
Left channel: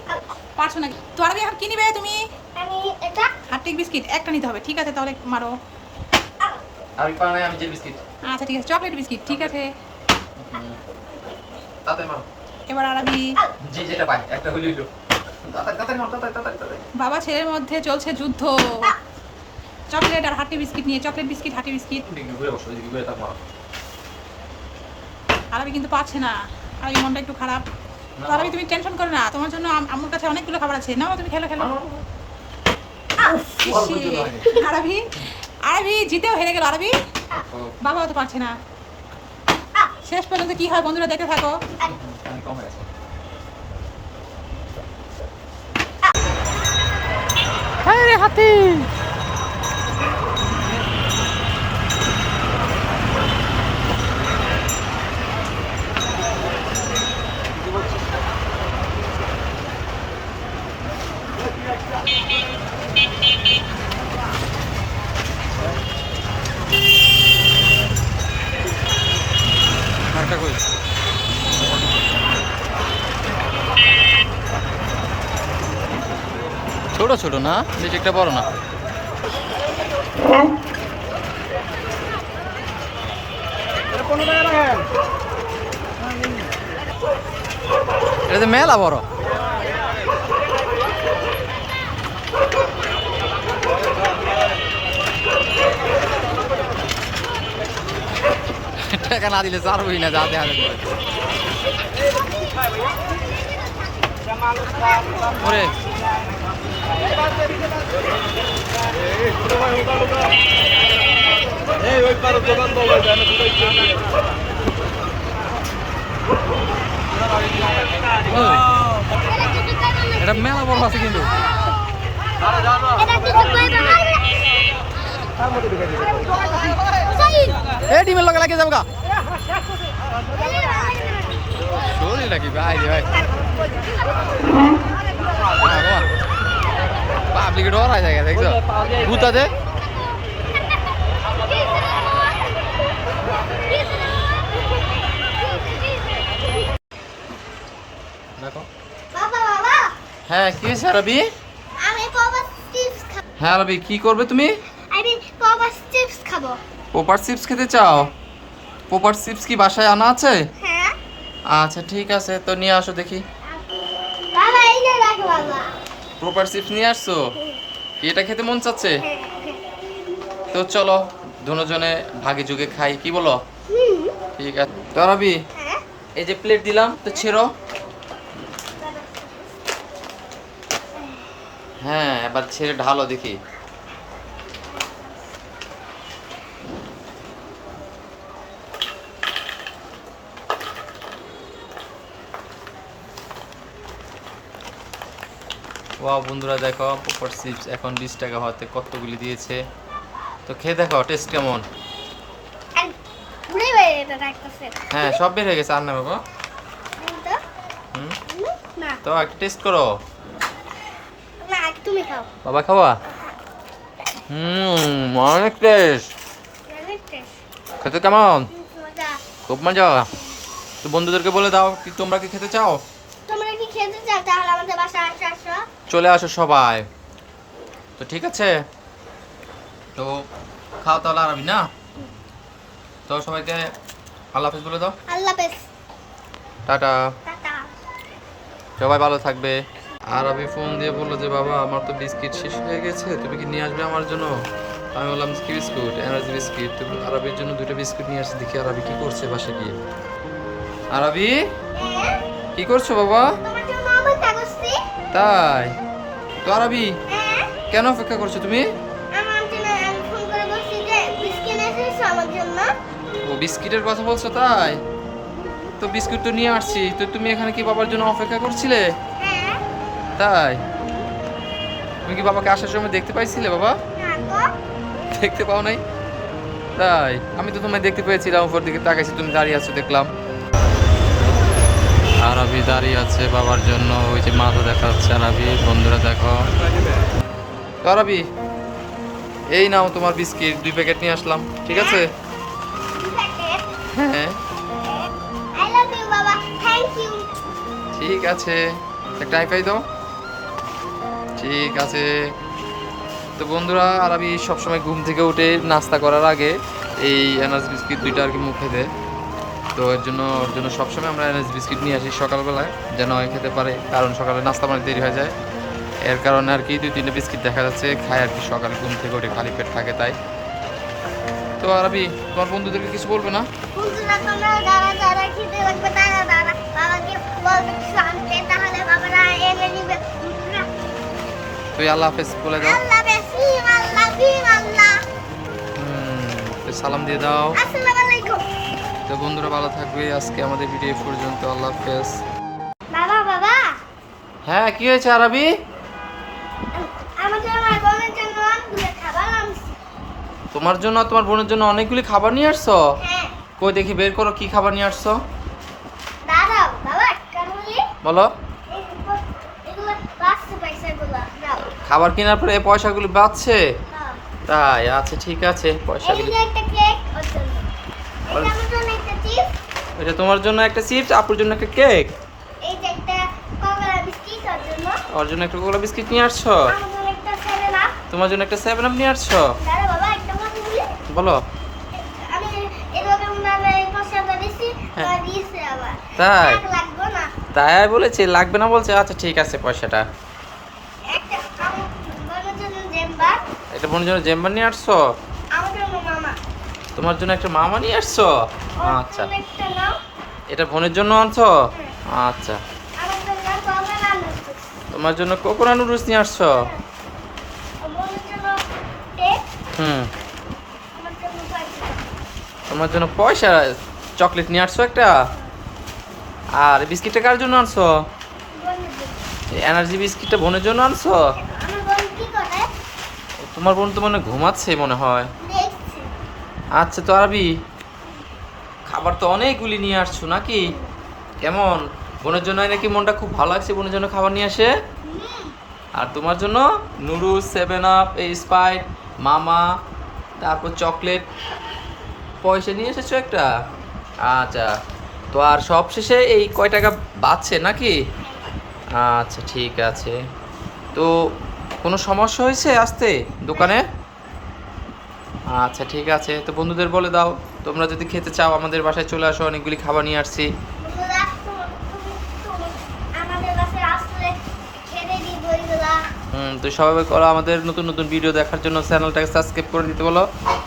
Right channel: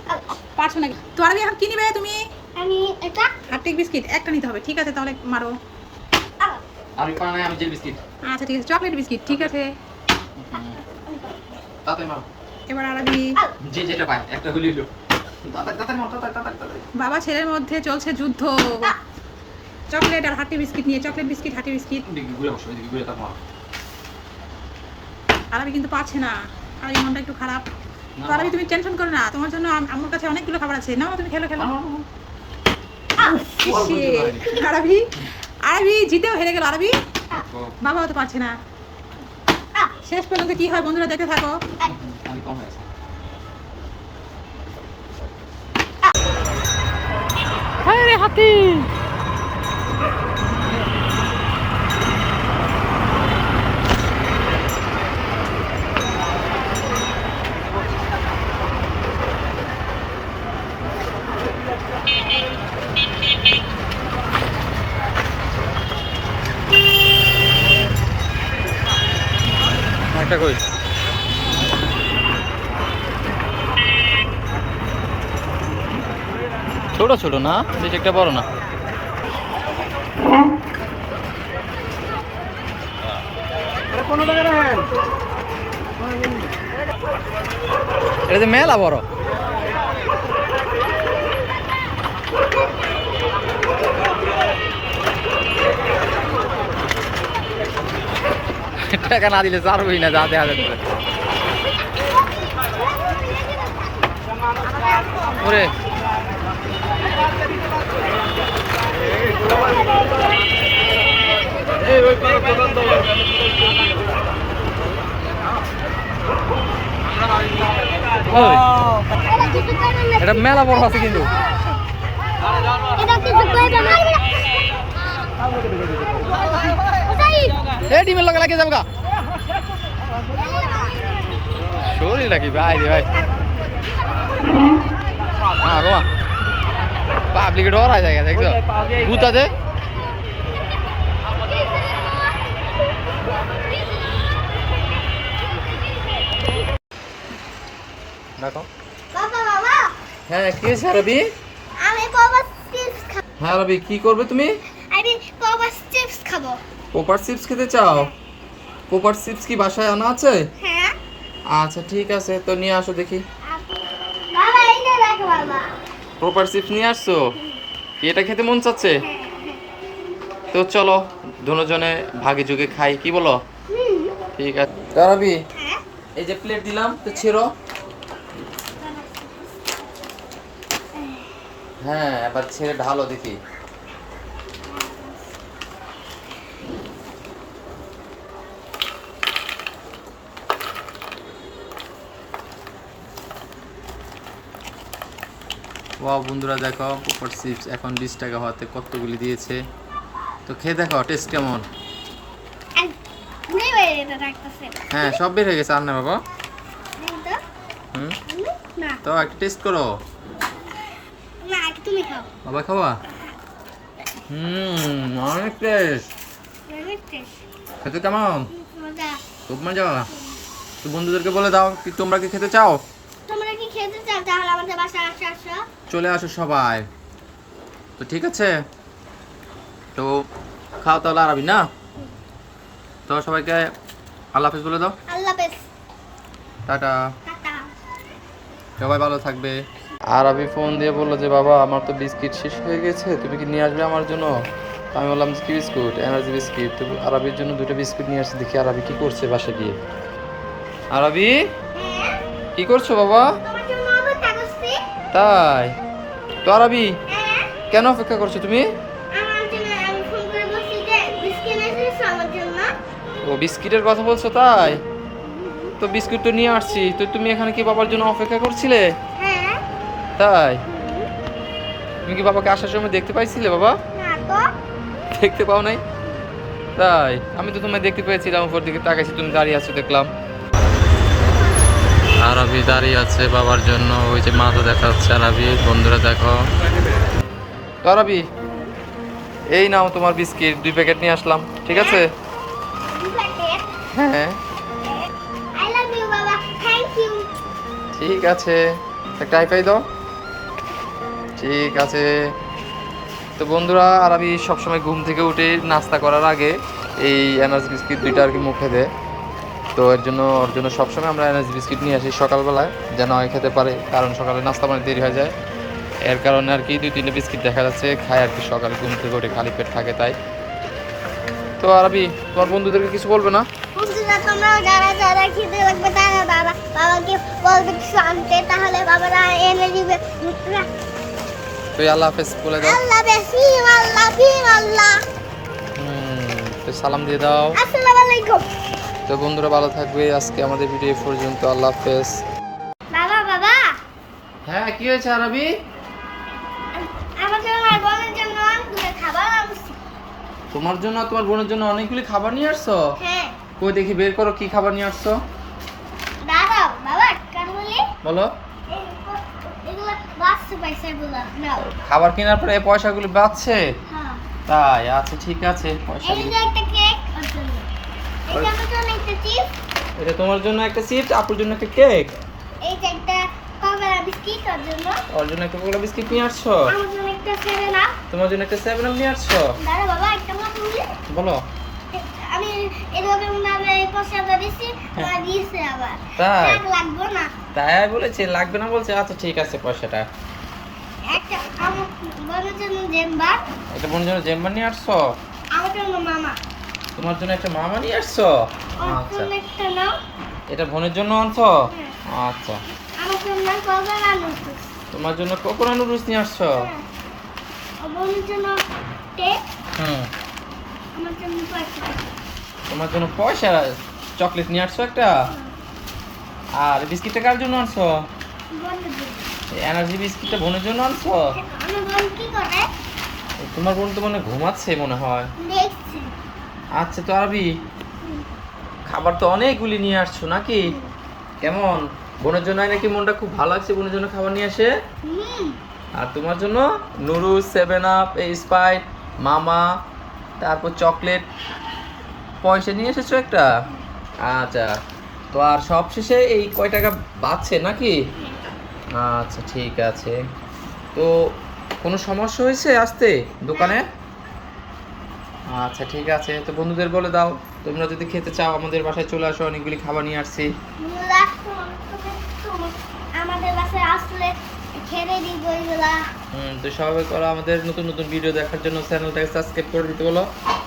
পারছো না তো আরবি, এখন কি নিবে তুমি? আমি এটা হাটিক বিস্কিট একটা নিতে হবে, ঠিক আছে তাহলে মারো। আর পারে নাই, আমি জেল বিস্কিট। আচ্ছা ঠিক আছে, চকলেট বিস্কিট, ঠিক আছে। তাতে মারো। এবার আরবি। যে যেটা পাই একটা হইলো হইলো। তাতে মারো, তাতে। বাবা ছেলের মধ্যে চলছে যুদ্ধ, চকলেট আর হাটি বিস্কিট নিয়ে। চকলেট বিস্কিট, হাটি বিস্কিট। দিকে ঘুরে বসো, এদিকে ঘুরে তারপর মারো। আরবি কিন্তু পারছে না, আরবি মনটা একটু খারাপ। তো আরবি তুমি টেনশন করো না, তোমার জন্য আম্মুর কাছে অনেকগুলো খাবার আছে, নাও তুমি খেলো। ইসে, আরবি জিতেও হেরে গেল আরবি। বাবাও তো পারছে না। শেষ পর্যন্ত কি হয় বন্ধুরা, দেখতে থাকো। আমি কম হয়েছে। হ্যাঁ রে হাতি। একটা কই ছোট ছোট না, বেশি একটা বড় না। এটা তো মেলা বড়। টাকা না দিলে চারবই না, যা দেখা যাচ্ছে। ওরে এটা মেলা বড় আছে কিন্তু। এটা কিছু কইবা না এই ডিমের লগে লাগে যাবো গা। শরীর নাকি ভাই রে ভাই। হ্যাঁ বাবা, পাবলিকে ডর হয়ে যায় দেখছো ভূতাতে। দেখো। বাবা হ্যাঁ কি হয়েছে আরবি? আমি কবা চিপস খাবো। হ্যাঁ আরবি, কি করবে তুমি? আমি কবা চিপস খাবো। পোপার চিপস খেতে চাও? পোপার চিপস কি বাসায় আনা আছে? হ্যাঁ আচ্ছা ঠিক আছে, তো নিয়ে আসো দেখি। বাবা এই যে রাখো বাবা। পোপার চিপস নিয়ে আসছো? কি এটা খেতে মন চাচ্ছে? তো চলো দুজনে ভাগে যুগে খাই, কি বলো? ঠিক আছে তো আরবি, হ্যাঁ এই যে প্লেট দিলাম, তো ছেড়ো। হ্যাঁ এবার ছেড়ে ঢালো দেখি। ওয়াও বন্ধুরা দেখো, পোপার চিপস এখন 20 টাকা হওয়াতে কতগুলি দিয়েছে। তো খেয়ে দেখো টেস্ট কেমন। ঘুরে বাইরে এটা রাখতেছে হ্যাঁ সব বের হয়ে গেছে। আর না বাবা। তো হুম, না তো একটা টেস্ট করো। না আগে তুমি খাও বাবা খাওয়া। অনেক টেস্ট। অনেক টেস্ট খেতে কেমন? মজা খুব মজা। তো বন্ধুদেরকে বলে দাও কি তোমরা কি খেতে চাও? তোমরা কি খেতে চাও তাহলে আমাদের বাসায় আসো চলে আসো সবাই। তো ঠিক আছে, তো খাও তাহলে আরবি না। তো সবাইকে আল্লাহ হাফেজ বলে দাও। আল্লাহ হাফেজ টাটা। টাটা সবাই ভালো থাকবে। আরবি ফোন দিয়ে বললো যে বাবা আমার তো বিস্কিট শেষ হয়ে গেছে, তুমি কি নিয়ে আসবে আমার জন্য? আমি বললাম কি বিস্কুট? Energy biscuit. তো আরবির জন্য 2টা বিস্কুট নিয়ে আসছি, দেখি আরবি কি করছে বাসা গিয়ে। আরবি কি করছো বাবা? তোমার জন্য অপেক্ষা করছি তাই তো আরবি হ্যাঁ কেন অপেক্ষা করছো তুমি? আমার জন্য আমি ফোন করে বলছি যে বিস্কিট এনেছিস আমার জন্য ও বিস্কিটের কথা বলছো তাই? তো বিস্কুট তো নিয়ে আসছি, তো তুমি এখানে কি বাবার জন্য অপেক্ষা করছিলে? হ্যাঁ তাই তুমি কি বাবাকে আসার সময় দেখতে পাইছিলে বাবা? না তো দেখতে পাও নাই? তাই আমি তো তোমায় দেখতে পেয়েছিলাম, উপর দিকে তাকাইছি তুমি দাঁড়িয়ে আছো দেখলাম। আরবি দাঁড়িয়ে আছে বাবার জন্য, ওই যে মাথা দেখা যাচ্ছে আরবি। বন্ধুরা দেখো তো আরবি এই নাও তোমার বিস্কিট 2 প্যাকেট নিয়ে আসলাম, ঠিক আছে? হ্যাঁ আই লাভ ইউ বাবা থ্যাংক ইউ ঠিক আছে, একটা হাইফাই দাও। ঠিক আছে। তো বন্ধুরা আরবি সবসময় ঘুম থেকে উঠে নাস্তা করার আগে এই এনার্জি বিস্কিট 2টা আর কি মুখে দেয়। তো ওর জন্য সবসময় আমরা এনার্জি বিস্কিট নিয়ে আসি সকালবেলায়, যেন খেতে পারে, কারণ সকালে নাস্তা মানে দেরি হয়ে যায়। এর কারণে আর কি 2-3টে বিস্কিট দেখা যাচ্ছে খায় আর কি, সকালে ঘুম থেকে উঠে খালি পেট থাকে তাই। তো আরবি তোমার বন্ধুদেরকে কিছু বলবে না? বন্ধুরা তোমরা যারা যারা খেতে লাগবে তারা তারা বাবাকে বলবে কিছু আনতে তাহলে বাবারা এনে দিবে তুই আল্লাহ হাফেজ বলে দাও। আল্লাহ বেশি আল্লাহ বিন আল্লাহ তো সালাম দিয়ে দাও। আসসালামু আলাইকুম তো বন্ধুরা ভালো থাকবে, আজকে আমাদের ভিডিও পর্যন্ত। আল্লাহ হাফেজ। বাবা বাবা হ্যাঁ কি হয়েছে আরবি? আমার জন্য আর বোনের জন্য অনেকগুলো খাবার আনছি তোমার জন্য আর তোমার বোনের জন্য অনেকগুলি খাবার নিয়ে আসছো? হ্যাঁ কই দেখি বের করো কি খাবার নিয়ে আসছো। দাদা বাবা কেন বলি বলো। এগুলো বাচ্চা পয়সাগুলো নাও খাবার কেনার পরে এই পয়সাগুলি বাঁচছে? হ্যাঁ তাই আচ্ছা ঠিক আছে, এই পয়সাগুলি। যে একটা কেক ওর জন্য এটা আমার জন্য একটা চিপস এটা তোমার জন্য একটা চিপস, আপুর জন্য একটা কেক, এই যে একটা কোকা বিস্কিট ওর জন্য ওর জন্য একটা কোলা বিস্কিট নিয়ে আসছো, আমার জন্য একটা সেভেন আপ তোমার জন্য একটা 7 আপ নিয়ে আসছো। দাদা বাবা একটা কথা বলি বলো। আমি এরকম ভাবে এই পয়সাটা দিছি হ্যাঁ। দিয়েছে আবার তাই টাকা লাগবে না তাই বলেছে লাগবে না বলছে, আচ্ছা ঠিক আছে পয়সাটা। একটা আমার বোনের জন্য জেম্বার এটা বোনের জন্য জেম্বার নিয়ে আসছো, আমার জন্য মামা তোমার জন্য একটা মামা নিয়ে আসছো। ওর আচ্ছা জন্য একটা নাও এটা বোনের জন্য আনছো। আচ্ছা আমার জন্য কোকা আলু তোমার জন্য কোকোনা নুডলস নিয়ে আসছো। আর বোনের জন্য কেক হুম আমার জন্য পয়সা তোমার জন্য পয়সা চকলেট নিয়ে আসছো একটা। আর এই বিস্কিটটা কার জন্য আনছো? বোনের জন্য এই এনার্জি বিস্কিটটা বোনের জন্য আনছো। আমার বোন কি করে তোমার বোন তো মনে হয় ঘুমাচ্ছে মনে হয়। দেখছি আচ্ছা তো আরবি খাবার তো অনেকগুলি নিয়ে আসছো নাকি? কেমন বোনের জন্য নাকি মনটা খুব ভালো লাগছে বোনের জন্য খাবার নিয়ে আসে? হুম আর তোমার জন্য নুডলস, 7 আপ, এই স্প্রাইট, মামা, তারপর চকলেট, পয়সা নিয়ে এসেছো একটা। আচ্ছা তো আর সব শেষে এই কয় টাকা বাঁচছে নাকি? আচ্ছা ঠিক আছে। তো কোনো সমস্যা হয়েছে আসতে দোকানে? আচ্ছা ঠিক আছে, তো বন্ধুদের বলে দাও তোমরা যদি খেতে চাও আমাদের বাসায় চলে আসো, অনেকগুলি খাবার নিয়ে আসছি। বন্ধুরা, তুমি আমাদের বাসায় আসলে খেতে দিব এগুলা তো সবাই করো আমাদের নতুন নতুন ভিডিও দেখার জন্য চ্যানেলটাকে সাবস্ক্রাইব করে দিতে বলো।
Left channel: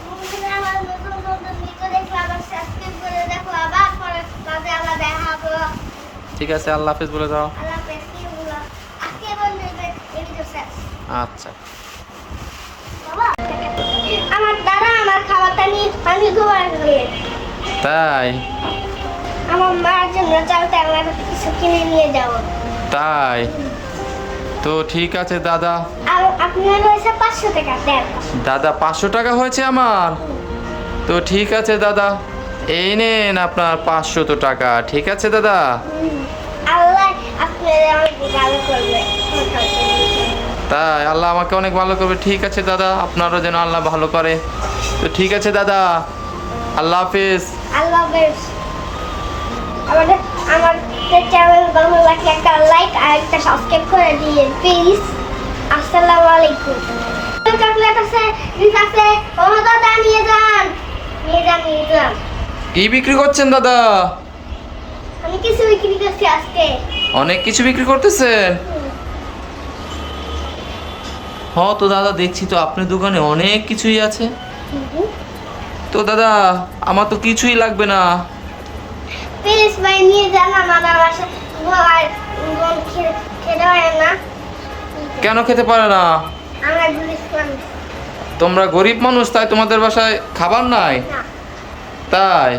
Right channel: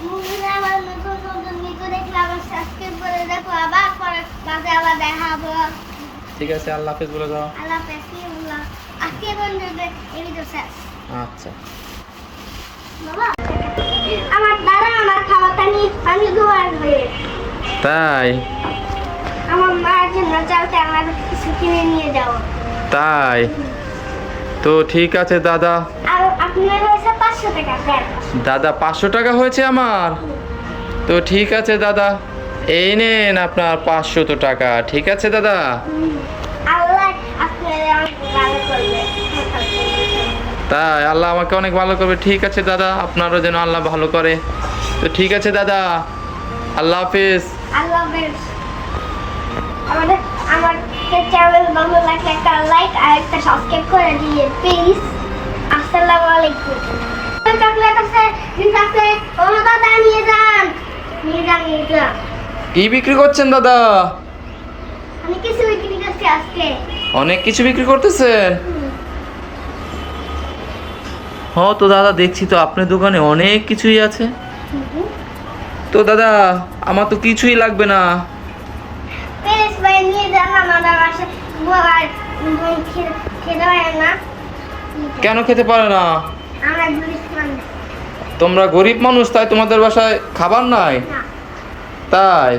বন্ধুরা আমার নতুন নতুন ভিডিও দেখলে আবার সাবস্ক্রাইব করে দেখো আবার পরে কাজে আবার দেখা হবে ঠিক আছে আল্লাহ হাফেজ বলে দাও। আল্লাহ হাফেজ বন্ধুরা আজকে বন্ধুদের এই ভিডিও শেষ আচ্ছা বাবা আমার দাদা আমার খাবারটা নিয়ে আমি ঘুমাই বলে তাই আমার মায়ের জন্য চালতে আমার কিছু কিনে নিয়ে যাবো তাই তো ঠিক আছে দাদা। আর আপনার হয়েছে 500 টাকা দেন দাদা 500 টাকা হয়েছে আমার। তো ঠিক আছে দাদা, এই নেন আপনার 500 টাকা, ঠিক আছে দাদা? আল্লাহ আপনার অনেক ভালো করবে। তাই আল্লাহ আমাকে অনেক ভালো করবে, ঠিক আছে দাদা, আপনারও যেন আল্লাহ ভালো করে। তো ঠিক আছে দাদা, আল্লাহ হাফিজ। আল্লাহ হাফেজ। আমাদের আমার চ্যানেল ভালো লাগলে একটা লাইক আর একটা সাবস্ক্রাইব করে দিন প্লিজ। আসসালামু আলাইকুম। চকলেট আছে, ঠিক আছে, ওরা দাদা নিয়ে যান, নিয়ে যান, নিয়ে যান। কি বিক্রি করছেন দাদা? আমি কিছু বিক্রি করছি আজকে। অনেক কিছু বিক্রি করতেছেন? হ্যাঁ তো দাদা, দেখছি তো আপনার দোকানে অনেক কিছুই আছে। তো দাদা আমার তো কিছুই লাগবে না। প্লিজ ভাই নিয়ে যান, আমাদের বাসায় আর খেতে পারে না। কেন খেতে পারে না? আমরা ঘুরিস না। তোমরা গরিব মানুষ, তাই তোমাদের বাসায় খাবার নাই? তাই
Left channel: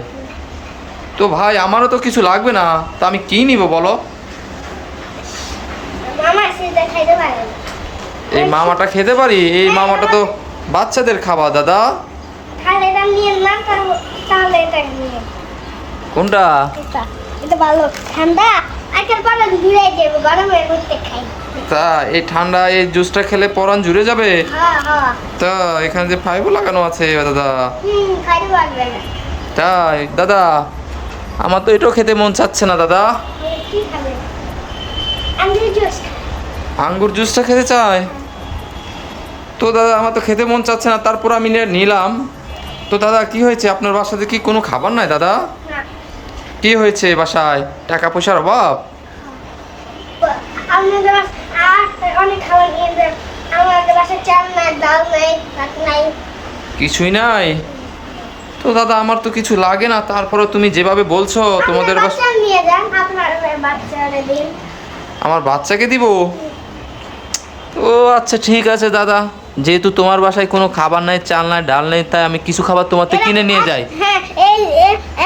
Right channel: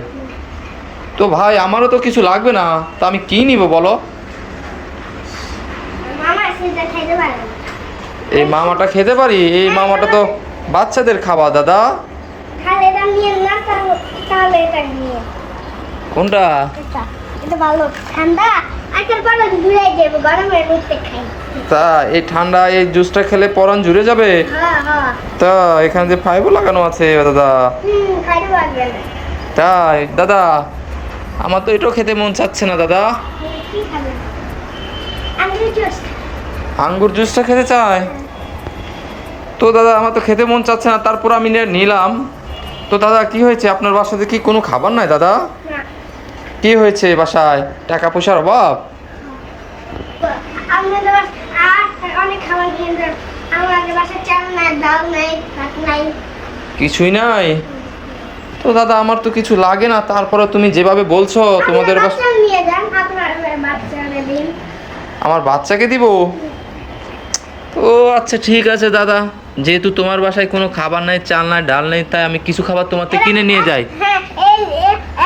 তো ভাই, আমারও তো কিছু লাগবে না, তা আমি কি নিব বলো? মামা সেটা খাইতে পারে না। এই মামাটা খেতে পারি? এই মামাটা তো বাচ্চাদের খাবার দাদা। তাহলে এটা নিয়ে না, তাহলে এটা নিয়ে। কোনটা? এটা ভালো ঠান্ডা, আজকাল পরে ঘুরে যাবো, গরমের মধ্যে খাই। তা এই ঠান্ডা এই জুসটা খেলে পরান জুড়ে যাবে? হ্যাঁ হ্যাঁ, তা এখানে যে ফাইবও লাগানো আছে দাদা। খাইতে লাগবে না। তাই দাদা, আমার তো এটাও খেতে মন চাচ্ছে না দাদা। তাহলে কি খাবে? আমি জুস খাই। আঙ্গুর জুসটা খেতে চাই? তো দাদা আমার তো খেতে মন চাচ্ছে না, তারপর আমি নিলাম। তো দাদা কি হয়েছে, আপনার বাসাতে কি কোনো খাবার নাই দাদা? না, কি হয়েছে বাসায়? টাকা পয়সার অভাব? আমাদের বাসায় আর অনেক খাবার নিয়ে যান। আমাদের বাসায় চাল নাই, ডাল নাই, ভাত নাই। কিছুই নাই? তো দাদা আমার তো কিছু লাগে না, তারপরে তুমি যেভাবে বলছো তোমাদের বাসা। বাচ্চা নিয়ে যান, আপনার বাচ্চারা দিন। আমার বাচ্চাকে দিব? ও আচ্ছা ঠিক আছে দাদা, যেহেতু তোমার বাসায় কোনো খাবার নাই, চাল নাই, ডাল নেই, তাই আমি কিছু খাবার তোমার থেকে কিনে নিয়ে যাই। হ্যাঁ, এই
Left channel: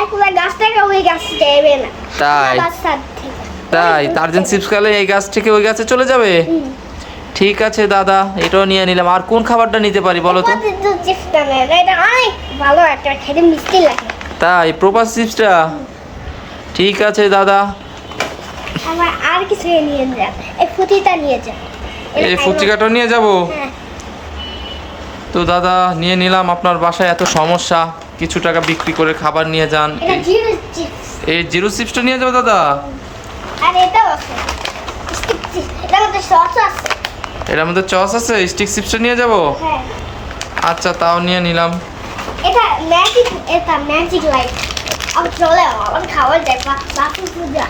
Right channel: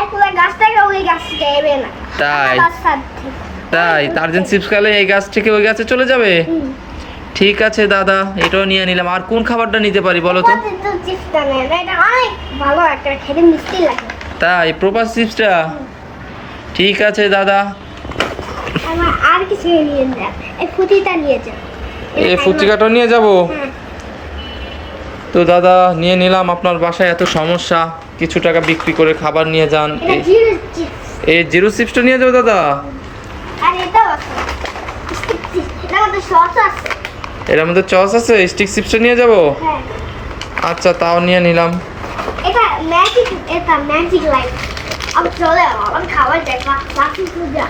একলা গাছ থেকে ওই গাছ যাবে না। তাই? আমার বাচ্চার থেকে। তাই টার্জেন চিপস খেলে এই গাছ থেকে ওই গাছে চলে যাবে? ঠিক আছে দাদা, এটাও নিয়ে নিলাম। আর কোন খাবারটা নিতে পারি বলো তো? তো চেষ্টা নেন, এটা অনেক ভালো একটা, খেতে মিষ্টি লাগে। তাই প্রপাস চিপসটা? ঠিক আছে দাদা। আমার আর কিছু নিয়ে যান, এই ফুটিটা নিয়ে যান। এই ফুচকাটাও নিয়ে যাব? হ্যাঁ, তো দাদা নিয়ে নিলাম। আপনার বাসায় এত সমস্যা, কিছু টাকা বিক্রি করে খাবার নিয়ে যান। এটা জিরো চিপস। এই জিরো চিপসটা নিয়ে যাবো দাদা? আর এটাও আছে, এটা আমাদের সস আছে। এর মধ্যে চস আছে, স্টিক চিপসটা নিয়ে যাব? হ্যাঁ, আচ্ছা তাও নিয়ে নিলাম। এটা ম্যাজিক লাইট। আমি চলে আমার খাবার যায়, বাকি পূজা।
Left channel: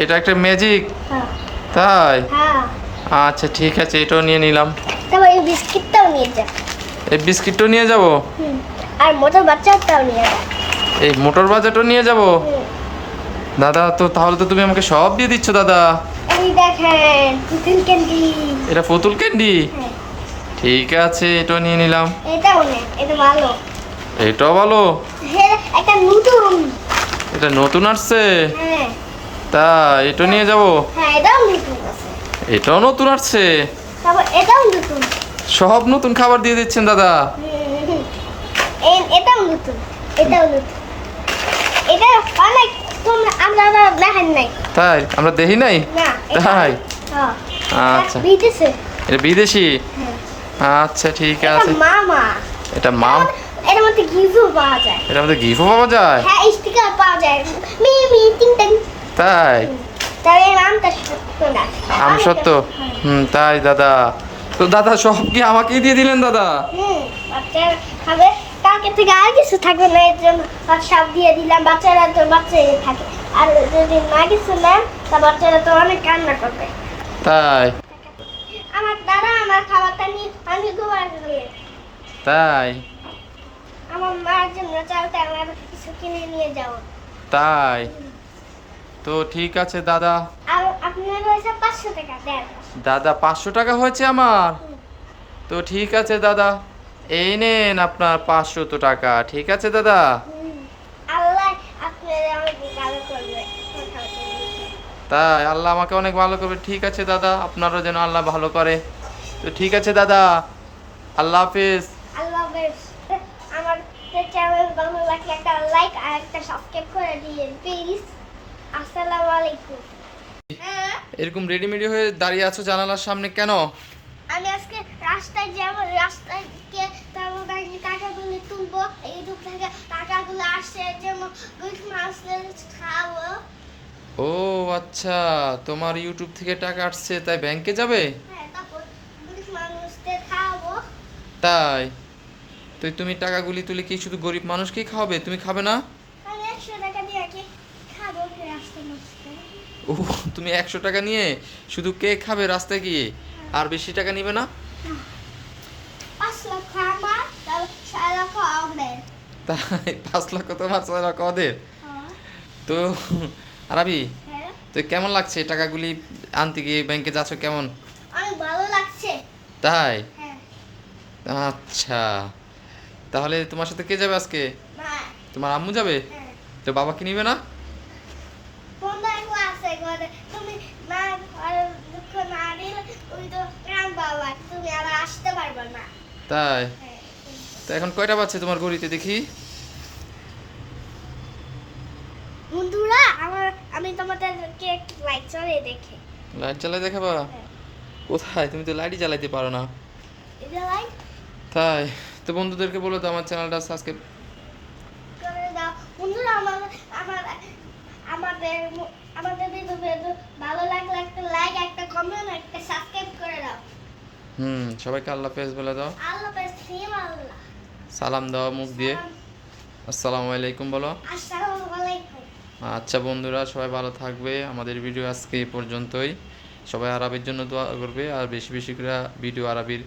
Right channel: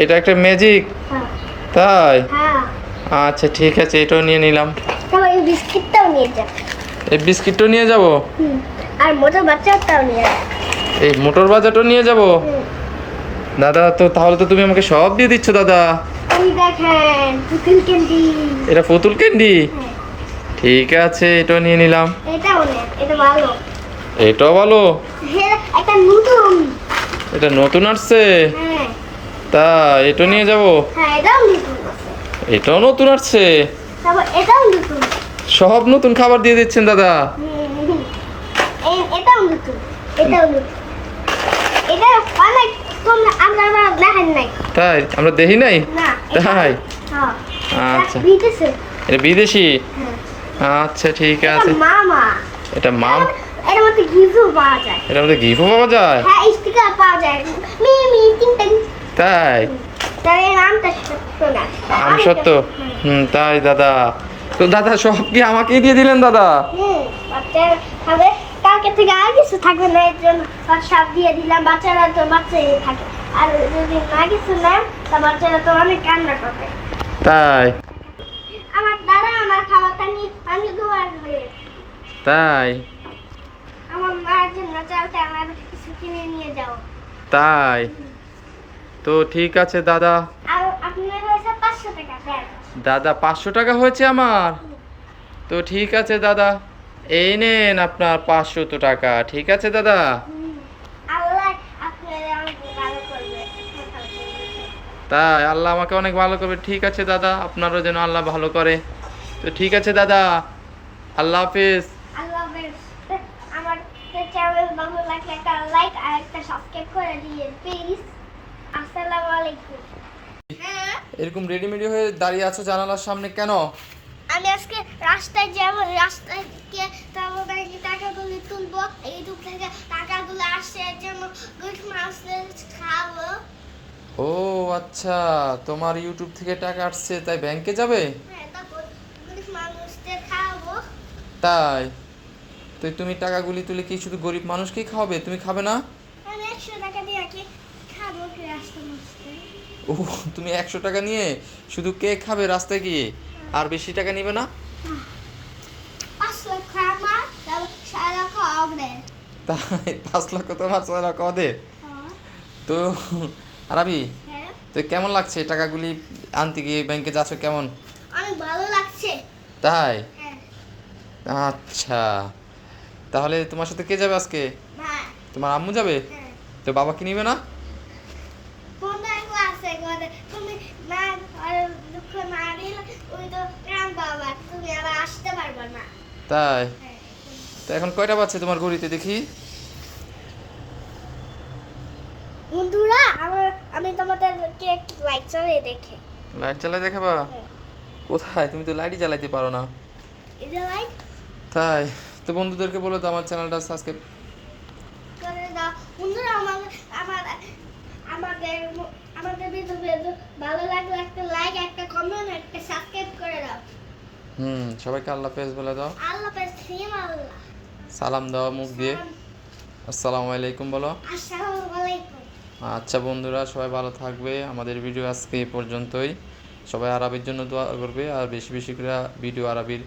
এটা একটা ম্যাজিক? হ্যাঁ তাই? হ্যাঁ, আচ্ছা ঠিক আছে, এটাও নিয়ে নিলাম। তারপর এই বিস্কিটটাও নিয়ে যান। এই বিস্কিটটাও নিয়ে যাব? আর মোটার বাচ্চাটাও নিয়ে যান। এই মোটর বাজারটাও নিয়ে যাব? দাদা তো তাহলে তো তুমি আমাকে সব দিয়ে দিচ্ছ দাদা। এই দেখেন পুতুল ক্যান্ডি। এটা পুতুল ক্যান্ডি? হ্যাঁ, ঠিক আছে, এটাও নিয়ে নিলাম। এটাও নেন, এটা ভালো। এটাও ভালো? হ্যাঁ, একটা নতুন। এটা নতুন আসছে? হ্যাঁ তা এটা নিয়ে যাব? হ্যাঁ, এটাও নতুন আছে। এটাও নতুন আসছে? তারপর এটাও নতুন। সব নতুন খাবার দিয়ে দিচ্ছেন দাদা। এটাও নতুন, এটাও নতুন। এটা অনেক কম, আপনারা দেখেন নাই। তাই? আমরা দেখি নাই? না, তাই? হ্যাঁ, আচ্ছা, বিদেশে। এটা বিদেশি? হ্যাঁ, আচ্ছা ঠিক আছে। এটা মামা। এটা মাম? এর মধ্যে গিফটও পাওয়া যায়। এটার মধ্যে গিফটও পাওয়া যায়? হ্যাঁ, স্টিকার পাওয়া যায়। মি মি টিং টিং। তাই? তবে নামটা শোনা। আম সত্য? তাই দাদা। তো দাদা সব কি আমাকেই দিয়ে দিলেন দাদা? বাচ্চারা খাবে, কালকে থেকে আর কিছু থাকবে না, এর জন্য সব দিয়ে দিলাম। বাচ্চারা তো বাচ্চাই থাকে, আর যদি না কিছু নেন তা বাচ্চারা তো অনেক কান্না করবে। তাই? আমার দাদা আমার খাবারটা নিয়ে আমি দোয়া করি। তাই? আমার মায়ের জন্য চালতে আমার কিছু কিনে নিয়ে যাও। তাই? তো ঠিক আছে দাদা। আর আপনার হয়েছে 500 টাকা দেন। দাদা 500 টাকা হয়েছে আমার? তো ঠিক আছে দাদা, এই নেন আপনার 500 টাকা, ঠিক আছে দাদা? আল্লাহ আপনার অনেক ভালো করবে। তাই আল্লাহ আমাকে অনেক ভালো করবে, ঠিক আছে দাদা, আপনারও যেন আল্লাহ ভালো করে। তো ঠিক আছে দাদা, আল্লাহ হাফিজ। আল্লাহ হাফেজ। আমার চ্যানেল ভালো লাগলে একটা লাইক আর একটা সাবস্ক্রাইব করে দিন প্লিজ। আসসালামু আলাইকুম। হ্যাঁ, এরকম রেডিমেডি হয়ে দাঁড়িয়ে আছো জানালার সামনে কেন? আমি আজকে রাস্তায় যাব, রাস্তায় গিয়ে তারপর টাকাগুলো তুলবো, ইউটিউব থেকে টাকাগুলো আসছে এর জন্য গরিব মানুষদের খাওয়াবো। ও আচ্ছা, তোমার ইউটিউব থেকে টাকা আসছে তাই ব্যাংকে যাবে? হ্যাঁ, তারপর গরিব মানুষদের খাওয়াবো। তাই তো তুমি টাকাগুলি তুলে কি শুধু গরিব মানুষকেই খাওয়াবে, তুমি খাবে না? আমি 100 টাকা দিয়ে কি খাবো কি রাস্তায় রাস্তায়? ও, তুমি 100 টাকা নিয়ে শুধু কেক খাবে রাস্তায় গিয়ে, আর বেশি টাকা নিবে না? 5 লক্ষ আমার, তাহলে 6 লক্ষ আপনার। তাই 5 লক্ষ তোমার, 6 লক্ষ ওদের। তো আরাবি, হ্যাঁ, তো কেমন লাগছে টাকাগুলি আনতে গিয়ে ব্যাংকে যাচ্ছ, কেমন? অনেক ভালো লাগছে। তাই? হ্যাঁ, আচ্ছা, তাহলে তোমার সাথে কে যাবে আজকে? ভাই। তোমার আম্মু যাবে? হ্যাঁ, তো বাবাকে নিবে না? বন্ধু একলা আছে ঘরে, তুমি না আর দুঃখ না দিলে ওই তো প্রাণ বাবা, তুমি আবার আসতে পারবে না। তাই? হ্যাঁ। তো এখন কয়টা বাজছে তোমার ঘড়িতে দেখি? বন্ধুরা, আমি তোমাদেরকে একটু লাইট জ্বালিয়ে দেখে। লাইট জ্বালাই দেখাবা? হ্যাঁ। কোথায়, তুমি তো লাইটই জ্বালাইতে পারো না। এই যে লাইট তাই? তো বন্ধুদেরকে বলো তো আমার চ্যানেলটা সাবস্ক্রাইব করে দাও। বন্ধুরা, আমাদের ভিডিও ভালো লাগলে একটা লাইক, একটা কমেন্ট, একটা সাবস্ক্রাইব করে দাও। সবাইকে আল্লাহ হাফেজ বলে দাও, আল্লাহ হাফেজ, ফিরে আল্লাহ। সালাম দাও মুখ দিয়ে, আসসালামু আলাইকুম বলো। আসসালামু আলাইকুম। আচ্ছা বন্ধুরা, সবাই ভালো থাকবে। আমাদের ভিডিও আজকে এই পর্যন্তই। সবাই আরবির জন্য দোয়া করবে, আর বেশি বেশি করে ভিডিও আরবির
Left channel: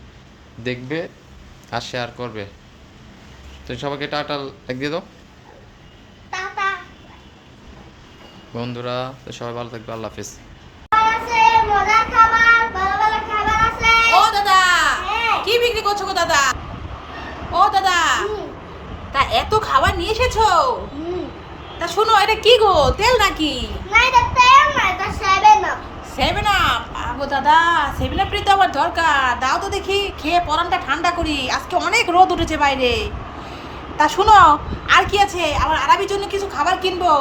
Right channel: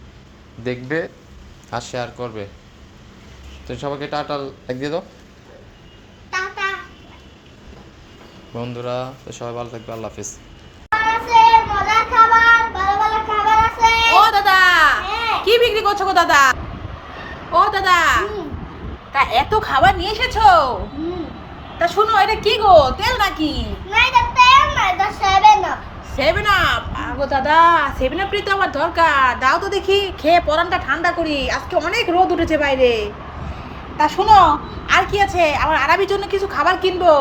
দেখবে আর শেয়ার করবে। তো সবাইকে টাটা দিয়ে দাও টাটা। বন্ধুরা। তো সবাই ভালো থাকবে, আল্লাহ হাফেজ। আছে মজার খাবার, ভালো ভালো খাবার আছে। ও দাদা, হ্যাঁ। কি বিক্রি করছো গো দাদা? ও দাদা, হুম, তা এত খাবার নিয়ে এসেছো? হুম। তা শুনো, এটা কি গো, তেল নাকি? না, এটা তেল না, এটা 7 আপ। 7 আপ? আগো দাদা, 7 আপ তো আমার দরকার, দাও তো দেখি, খেয়ে পরানটা ঠান্ডা করি, আজকে অনেক রোদ উঠেছে বাইরে। তা শুনো, আর কি আছে, আমার আরবির জন্য কিছু খাবার কিনবো,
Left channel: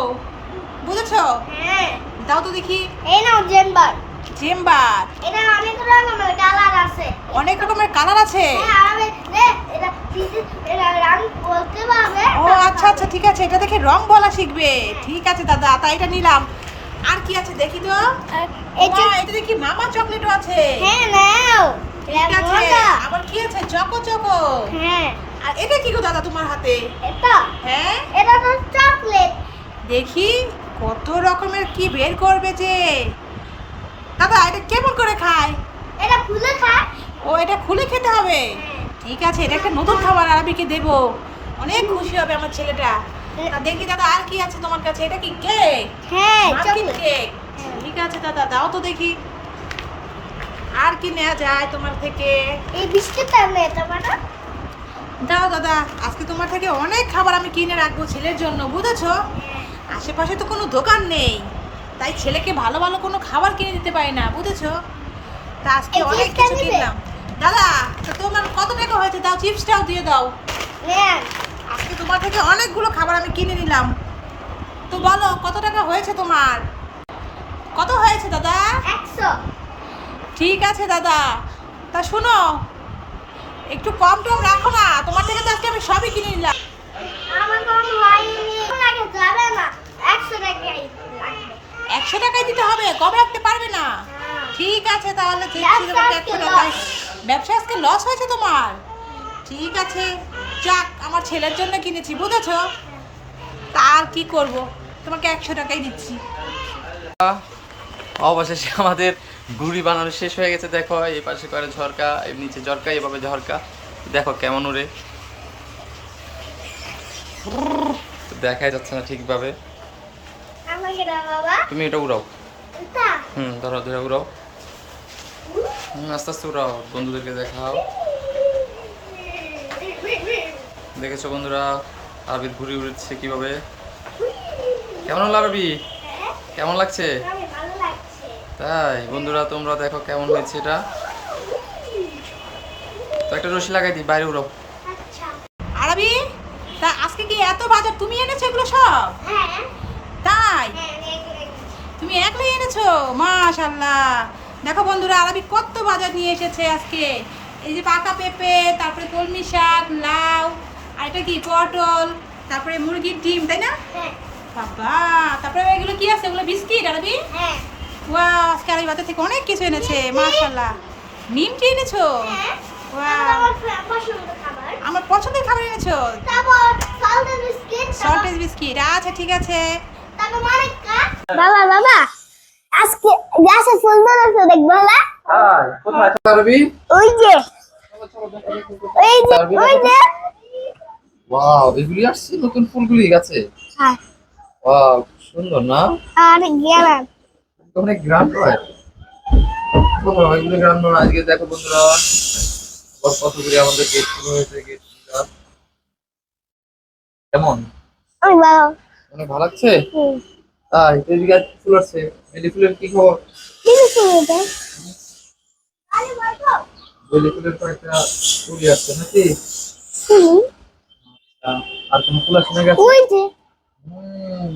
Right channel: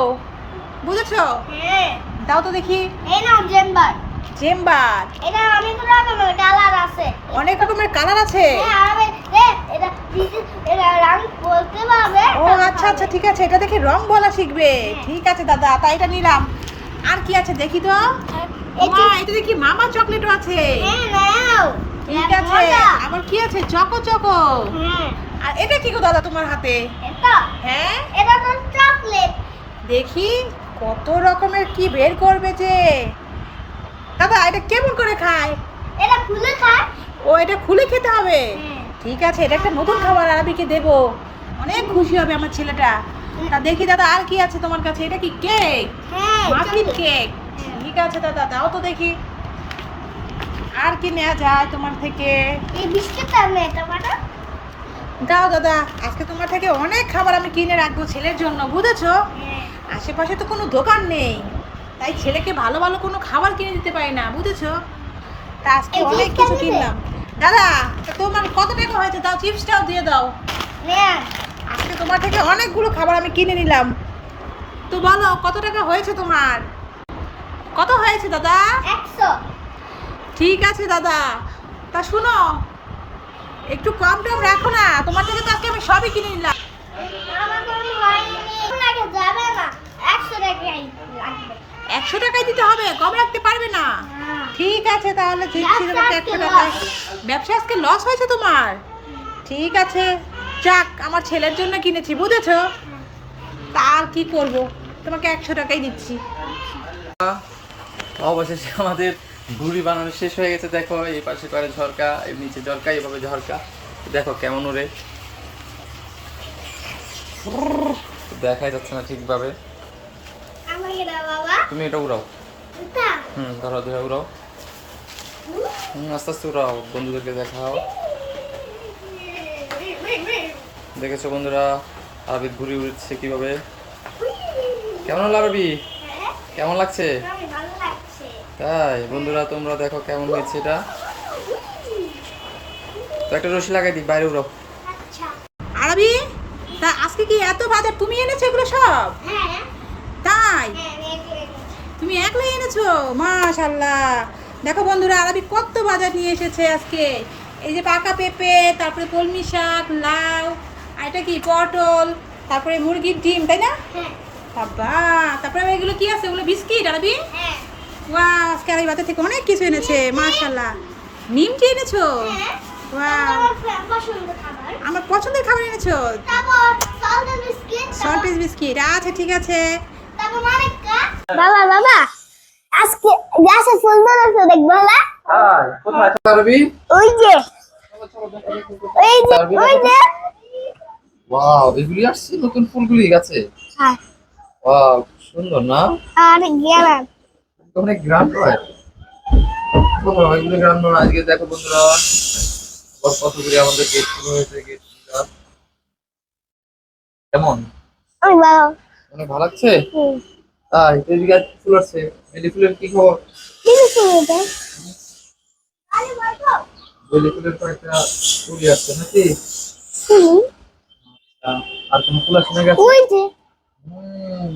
বুঝেছো? হ্যাঁ, দাও তো দেখি। এই নাও চেম্বার। চেম্বার? এটা অনেকগুলো রকমের কালার আছে। অনেক রকমের কালার আছে? হ্যাঁ, এটা এটা রং বলতে পারবে? ও আচ্ছা আচ্ছা, ঠিক আছে, এটা দেখি রং বলা শিখবে। ঠিক আছে দাদা, তাই এটা নিলাম। আর কি আছে দেখি তো। এই মা, যে- এটা দেখি মামা চকলেটও আছে। হ্যাঁ, নাও। ঠিক আছে, আবার কি আছে, চকো চকো। হ্যাঁ, আর এটা কি গো দাদা তোমার হাতে? এটা হ্যাঁ, এটা তো চকলেট। দেখি কত রকমের কি বের করবে যে। দাদা, এটা কেমন করে খায়? এটা খুলে খায়। ও, এটা খুলে খেতে হবে? হ্যাঁ। ঠিক আছে, এটা একটা নতুন খাবার আরবিকে দেবো, অনেক খুশি হবে আমার ছেলেটা। তা দেখি দাদা, আর কি আছে তোমার কাছে? এটা কি কেক? হ্যাঁ, মাফিন চকলেট। কেক? ঠিক আছে দাদা, দাও তো দেখি, আর কি নেওয়া যায় তোমার থেকে। এই বিস্কুটটা নেই তোমার? দাও দাদা, আজকে তোমার থেকে অনেক খাবার আমি কিনে রাখবো ছেলের জন্য, বুঝেছো? হ্যাঁ। আশেপাশে তো কোনো দোকান নেই, তাই ছেলেকে ভালো ভালো কোনো খাবার কিনে দিতে পারি না, বুঝেছো? তা আজকে এই অনেক চিপসটা কিছু দিবে? কিনলাম। দাদা, তা তোমার কত টাকা হয়েছে? দাও, চিপসটাও দিয়ে দাও। নেন। আজকে তোমার থেকে অনেকগুলো খাবার আমি কিনে নিলাম, তো বলো কত টাকা হয়েছে তোমার? কত হয়েছে দাদা? 100। ঠিক আছে দাদা, তা শুনো, একটু কম টম রাখো না, তোমার থেকে তো আজকে আমি সবই কিনে নিলাম। আমার কোনো হয়নি। লাগে যাবে না, 100 টাকাই লাগবে। 100 টাকাই দিতে হবে, কম রাখতে পারবে না? ঠিক আছে, তাহলে দিচ্ছি তোমাকে 100 টাকায়। ব্যবসা আজকে লস হয়েছে তোমার? ঠিক আছে, যাক, আমার ছেলের জন্য কিনেছি, বুঝেছো? তা আর কি করব, তোমাকে 100 টাকাই দিচ্ছি। অবশেষে আমাদের ঘুড়ি বানানো শেষ হয়ে গেছে। দেখো, এই পাশে করে ঝরকা, এর নিচে ঝরকা, এভাবে ঝরকা, দেখো কেমন উড়ে। দেখাই যাচ্ছে না ঠিকভাবে। আমাকে দাও বাবা। তুমি এটা উড়াও। এটা ধরো ধরে উড়াও। আস্তে আস্তে উড়াও, বন্ধুদেরকে দেখাও। দেখেছো বন্ধুরা, আরবির ঘুড়ি উড়ছে কিভাবে। কেমন হলো আরবি? হ্যাঁ, কেমন লাগছে? আমার ভালো লাগছে। তাই বন্ধুরা, তোমরা দেখো কেমন হয়েছে এটা। তো একটা রশি লাগাই দিই, বাইরে উড়াও। আচ্ছা। আরবি, তা আজকে কি এত বাজার তুমি এনেছো এগুলো সব? হ্যাঁ তাই হ্যাঁ এগুলো এনেছি। তুমি একলাই এনেছো? মাশাআল্লাহ। দেখো বন্ধুরা, আরবি কত বাজার নিয়ে এসেছে আজকে। এই যে পাকা পেঁপে, তারপরে কলমি শাক, লাউ, আর এটা কি পটল, তারপরে মুরগির ডিম, তাই না? হ্যাঁ বাবা, তারপরে আবার এগুলো কি আছে? এগুলো বিস্কিট আরবি। হ্যাঁ ওয়াও, আজকে আরবি বাজার থেকে অনেক কিছু এনেছে মাশাআল্লাহ। নিমকি এনেছো? হ্যাঁ ওয়াও, আমার পছন্দ খাবার। আমার পছন্দের খাবার এনেছো। তারপর সল্টেড বিস্কিট, সল্টেজ বিস্কিট, আচ্ছা ঠিক আছে। তারপর মানেকা। বাবা বাবা, আজকে গাছে ফুল ধরেছে দেখবো না? হাই, কোথায় আরবি? ওই যে ওই যে ওয়াও, এগুলি আসছে নতুন ফুলগুলি গাছে। হ্যাঁ ওয়াও, সুন্দর না? আর গেলাম। অনেক গ্রাম হয়। কোথাও এগুলি গ্রাম নয়। আজকে দেখো বন্ধুরা, কতগুলি আমাদের গেট শুরু হয়েছে। গেট কেমন? ওই বাবা অনেক ভালো লাগছে। তাই এদিকে আজ ফুল আসছে। বেলি ফুলের কি খবর? কি শুনতে? আরে বাবা বেলি ফুলের কয়েকটা ফুলই আসছে নাকি? শুনি আর কোন ফুল আসছে না গেছে? ওই যে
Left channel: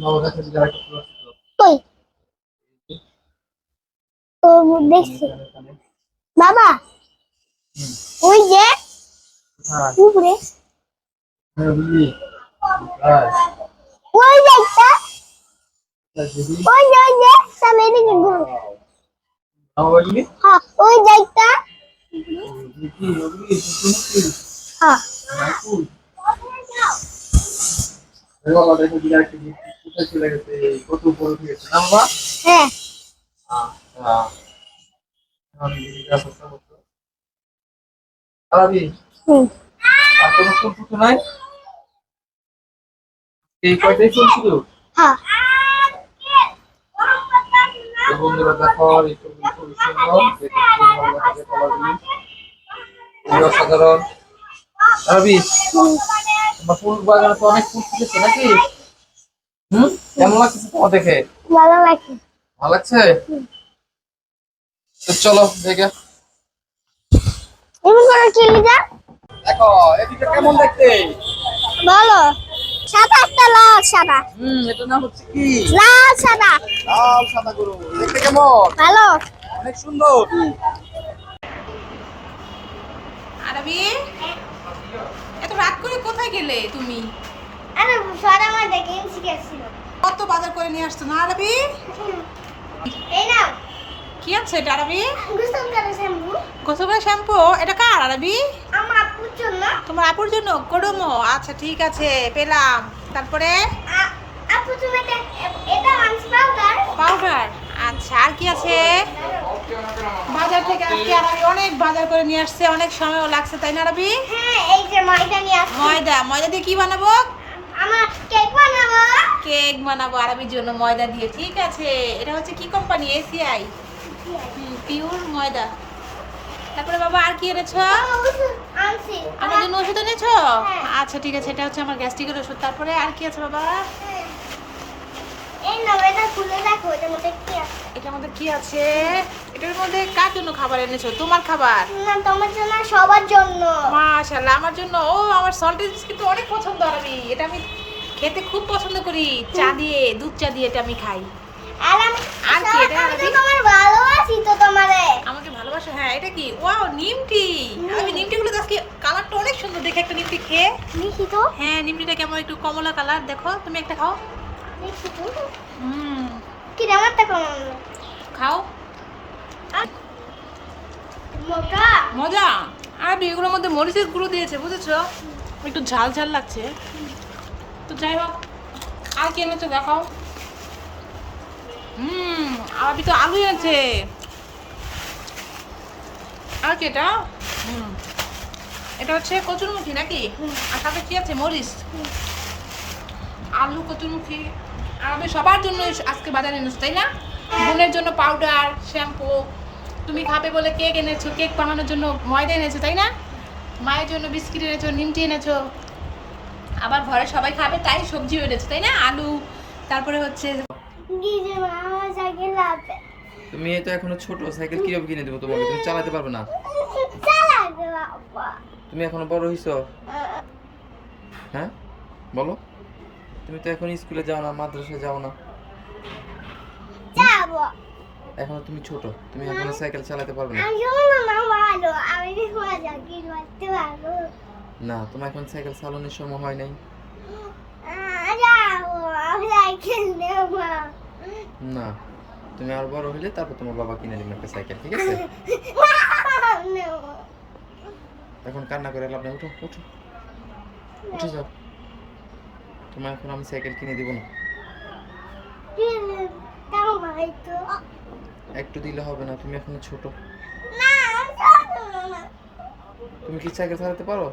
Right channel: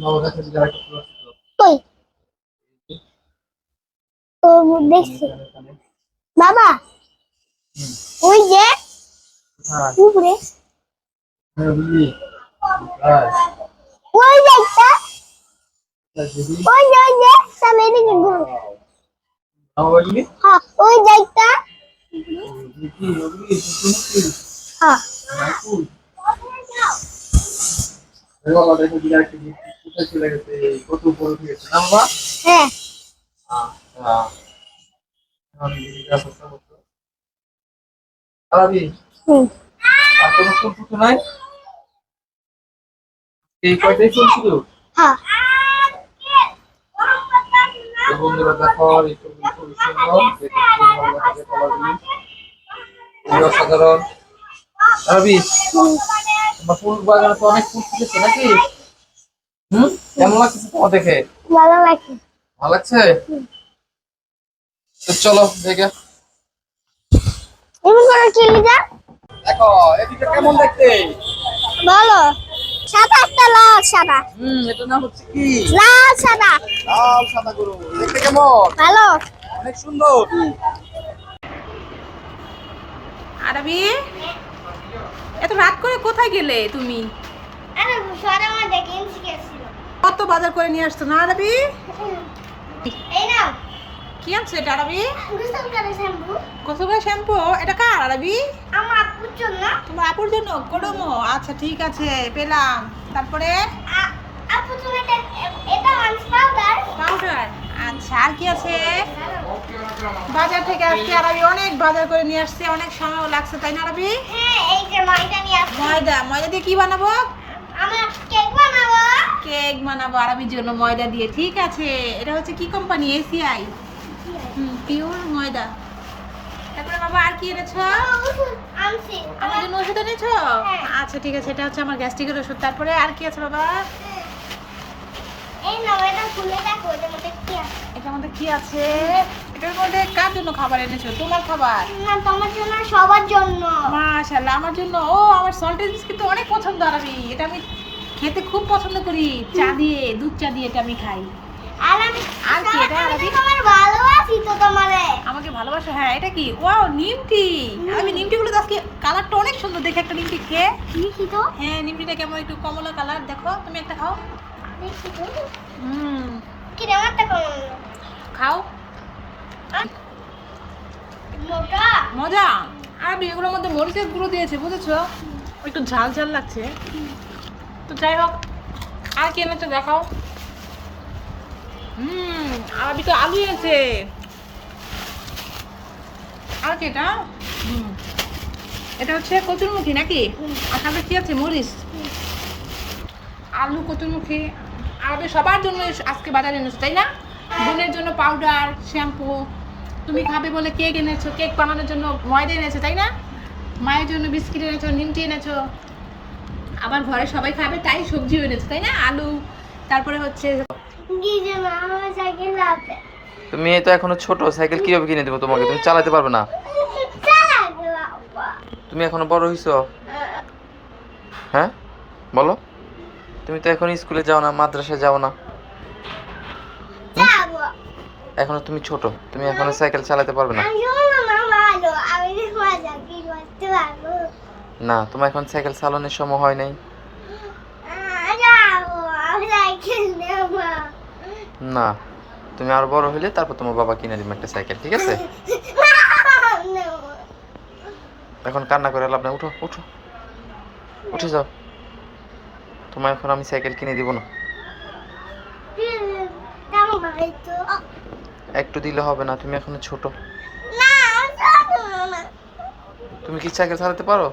বাবা কাছে যে আরেকটা ফুল আসছে তো। কই ও দেখছি এখানে। বাবা ওই যে হ্যাঁ, উপরে হ্যাঁ, বুঝলি? হ্যাঁ, ওই যে একটা দিদি। ওই যে সামনে দিকে ঘুরো আমার বাড়ি? হ্যাঁ ওই যে একটা কি ওগুলি সূর্যমুখী? হ্যাঁ না, ফুল। এই বাবা দেখো দিদি আরেকটা gift কোথায় চলে গেছে? কত উপরে উঠে গেছে না বাবা? হ্যাঁ আচ্ছা। আমি দিদিকে অপেক্ষা করতে। আরবি, হুম আর কোনো ফুল ফুটে নাই? এই কয়টাই ফুল শুধু? হ্যাঁ তো বন্ধুরা দেখো, এই ফুলগুলি খুবই সুন্দর। দেখতে খুব ভালো লাগছে কালারগুলি। খুবই অসাধারণ। আরবি, তোমার ফুল বাগানে তো অনেক ফুল ফুটেছে নাকি? কেমন লাগছে তোমার দেখে? ভালো লাগে ভালো লাগছে? তো চলো দেখে। এমন করে চলে যা দেখো এদিকে কেমন দেখতে? বলো সাদা একটা লাল সাদা এটা নাম হচ্ছে কি? লাল সাদা লাল সাদা গরু। দেখতে কেমন? ভালো অনেক সুন্দর। আরবি, এত রাত করে কোথায় গেলে তুমি? আরে সাদা আমার দেখে শিখেছিল কত বাজার করে নিয়ে আসতো না আরবি? এই নাও কি আনছে এটা আরবি? গুস্তম করে শ্যাম্পু গোসল শ্যাম্পু। এটা কার আরবি? আমার আপুর জন্য তোমার আপুর জন্য করমো। আচ্ছা ঠিক আছে, পেলাম। তারপরে আপু তুমি এটা আনছি পাউডার পাউডার। আচ্ছা, আর কি আছে? বাজার থেকে আজকে আরবি অনেক বাজার করে নিয়ে আসছে, অনেক সময়ও লাগছে তাই না আরবি? হ্যাঁ এই যে ময়দা নিয়ে আসছি ময়দা। ময়দা দিয়ে কি বানাবো? আমার কেক বানাবো কেক বানাবো আরবির জন্য ময়দা দিয়ে। ঠিক আছে, এটা হচ্ছে কি কোম্পানি? এসিআই। পিওর ময়দা। তারপরে বাবা আর কি এনেছো? আনছি আমার জন্য ওষুধ এনেছো? হ্যাঁ। আচ্ছা ঠিক আছে, এটা হচ্ছে আমার গ্যাস্ট্রিকের ওষুধ। তারপরে আর কি আছে বাবা? এই নাও এটা খুলে দেখো এটার মধ্যে কি আছে এটার মধ্যে কি আছে? এটার মধ্যে কার জন্য খাবার এনেছো? তোমার খাবার? না তোমার জন্য সবার জন্য মাশাআল্লাহ, আমার জন্য। ও, আমার সল্টেড বিস্কিট তো অনেক পছন্দ আরবি। এটা আমি খেতে খুব পছন্দ করি, চা দিয়ে, দুধ চা দিয়ে এটা আমি খাই। আর আমি আর কি এটা আরবি? তোমার ভালোবাসি তো তোমারে আমাকে ভালোবাসো? হ্যাঁ, এটা কি? ওয়াও, নিমটি। আমি নিমটিগুলো তো আজকে কালারটা অনেক সুন্দর দেখে, একটা নিমটি খেয়ে। দেখি তো হ্যাঁ, নিমটিটা কেমন একটু কমলা কালার। দেখো, তুমি একটা খাও। দেখি তো হুম, কি আমারটা কেমন খাও। মোটা মজা। আরবি, এগুলোর মধ্যে মরিচের গুঁড়ো দিয়েছে, বুঝেছো? একটু ঝাল ঝাল লাগছে। তো যাই হোক, আর কি এনেছো দেখাও। আরবি তো আলু এনেছে। আর কি এটা? এটা হচ্ছে কচুরমুখী নাকি? আর সাথে কি আছে? মরিচ, আলু, কচুরমুখী। আরবি সবার জন্য আজকে বাজারে এনেছো তাই না? বোনের জন্য পাউডার, শ্যাম্পু। তুমি খাবে বলে কেক এনেছো, কেক বানানোর জন্য ময়দা এনেছো তাই না? মায়ের জন্য বিস্কিট এনেছো, নিমটি এনেছো। আবার ঘরে সবাই খাবে তাই সবজিও এনেছো তাই না? আলু, তারপরে হচ্ছে কি যে আমার সাইকেল আছে তুমি তো এখনো ছোট, সাইকেল কিভাবে কিনে দেবো তোমাকে? তুমি চালাতে পারবে না। চালাতে বাবা তুমি এখনো বড় হইছো। হ্যাঁ, বলো, তুমি তো এখন স্কুলে যাও না, মাদ্রাসায় যাও না, যাবো। এখনো তুমি ছোট, তুমি এখনো সাইকেল চালাতে পারবে না। আমি শুনবো না ভালো, আমি মজা কি করতে পারবো। না, তোমার এখন সাইকেল চালানোর সময় হয় নাই। যাবো, আমি সাইকেল নেবো। না, তুমি আরো বড় হইলে তারপর তোমার বাবা কিনে দিবে একটা সাইকেল, ঠিক আছে? নেবো। এখন কান্না করে লাভ নাই, উঠো উঠো, উঠে যাও। তোমার এখন আমি সাইকেল কিনে দিব না। দাও ভাই তো। একটু দিলে হবে না, তুমি এখনো ছোট। না, যাবো না। তুমি কি সাইকেল চালাতে পারো?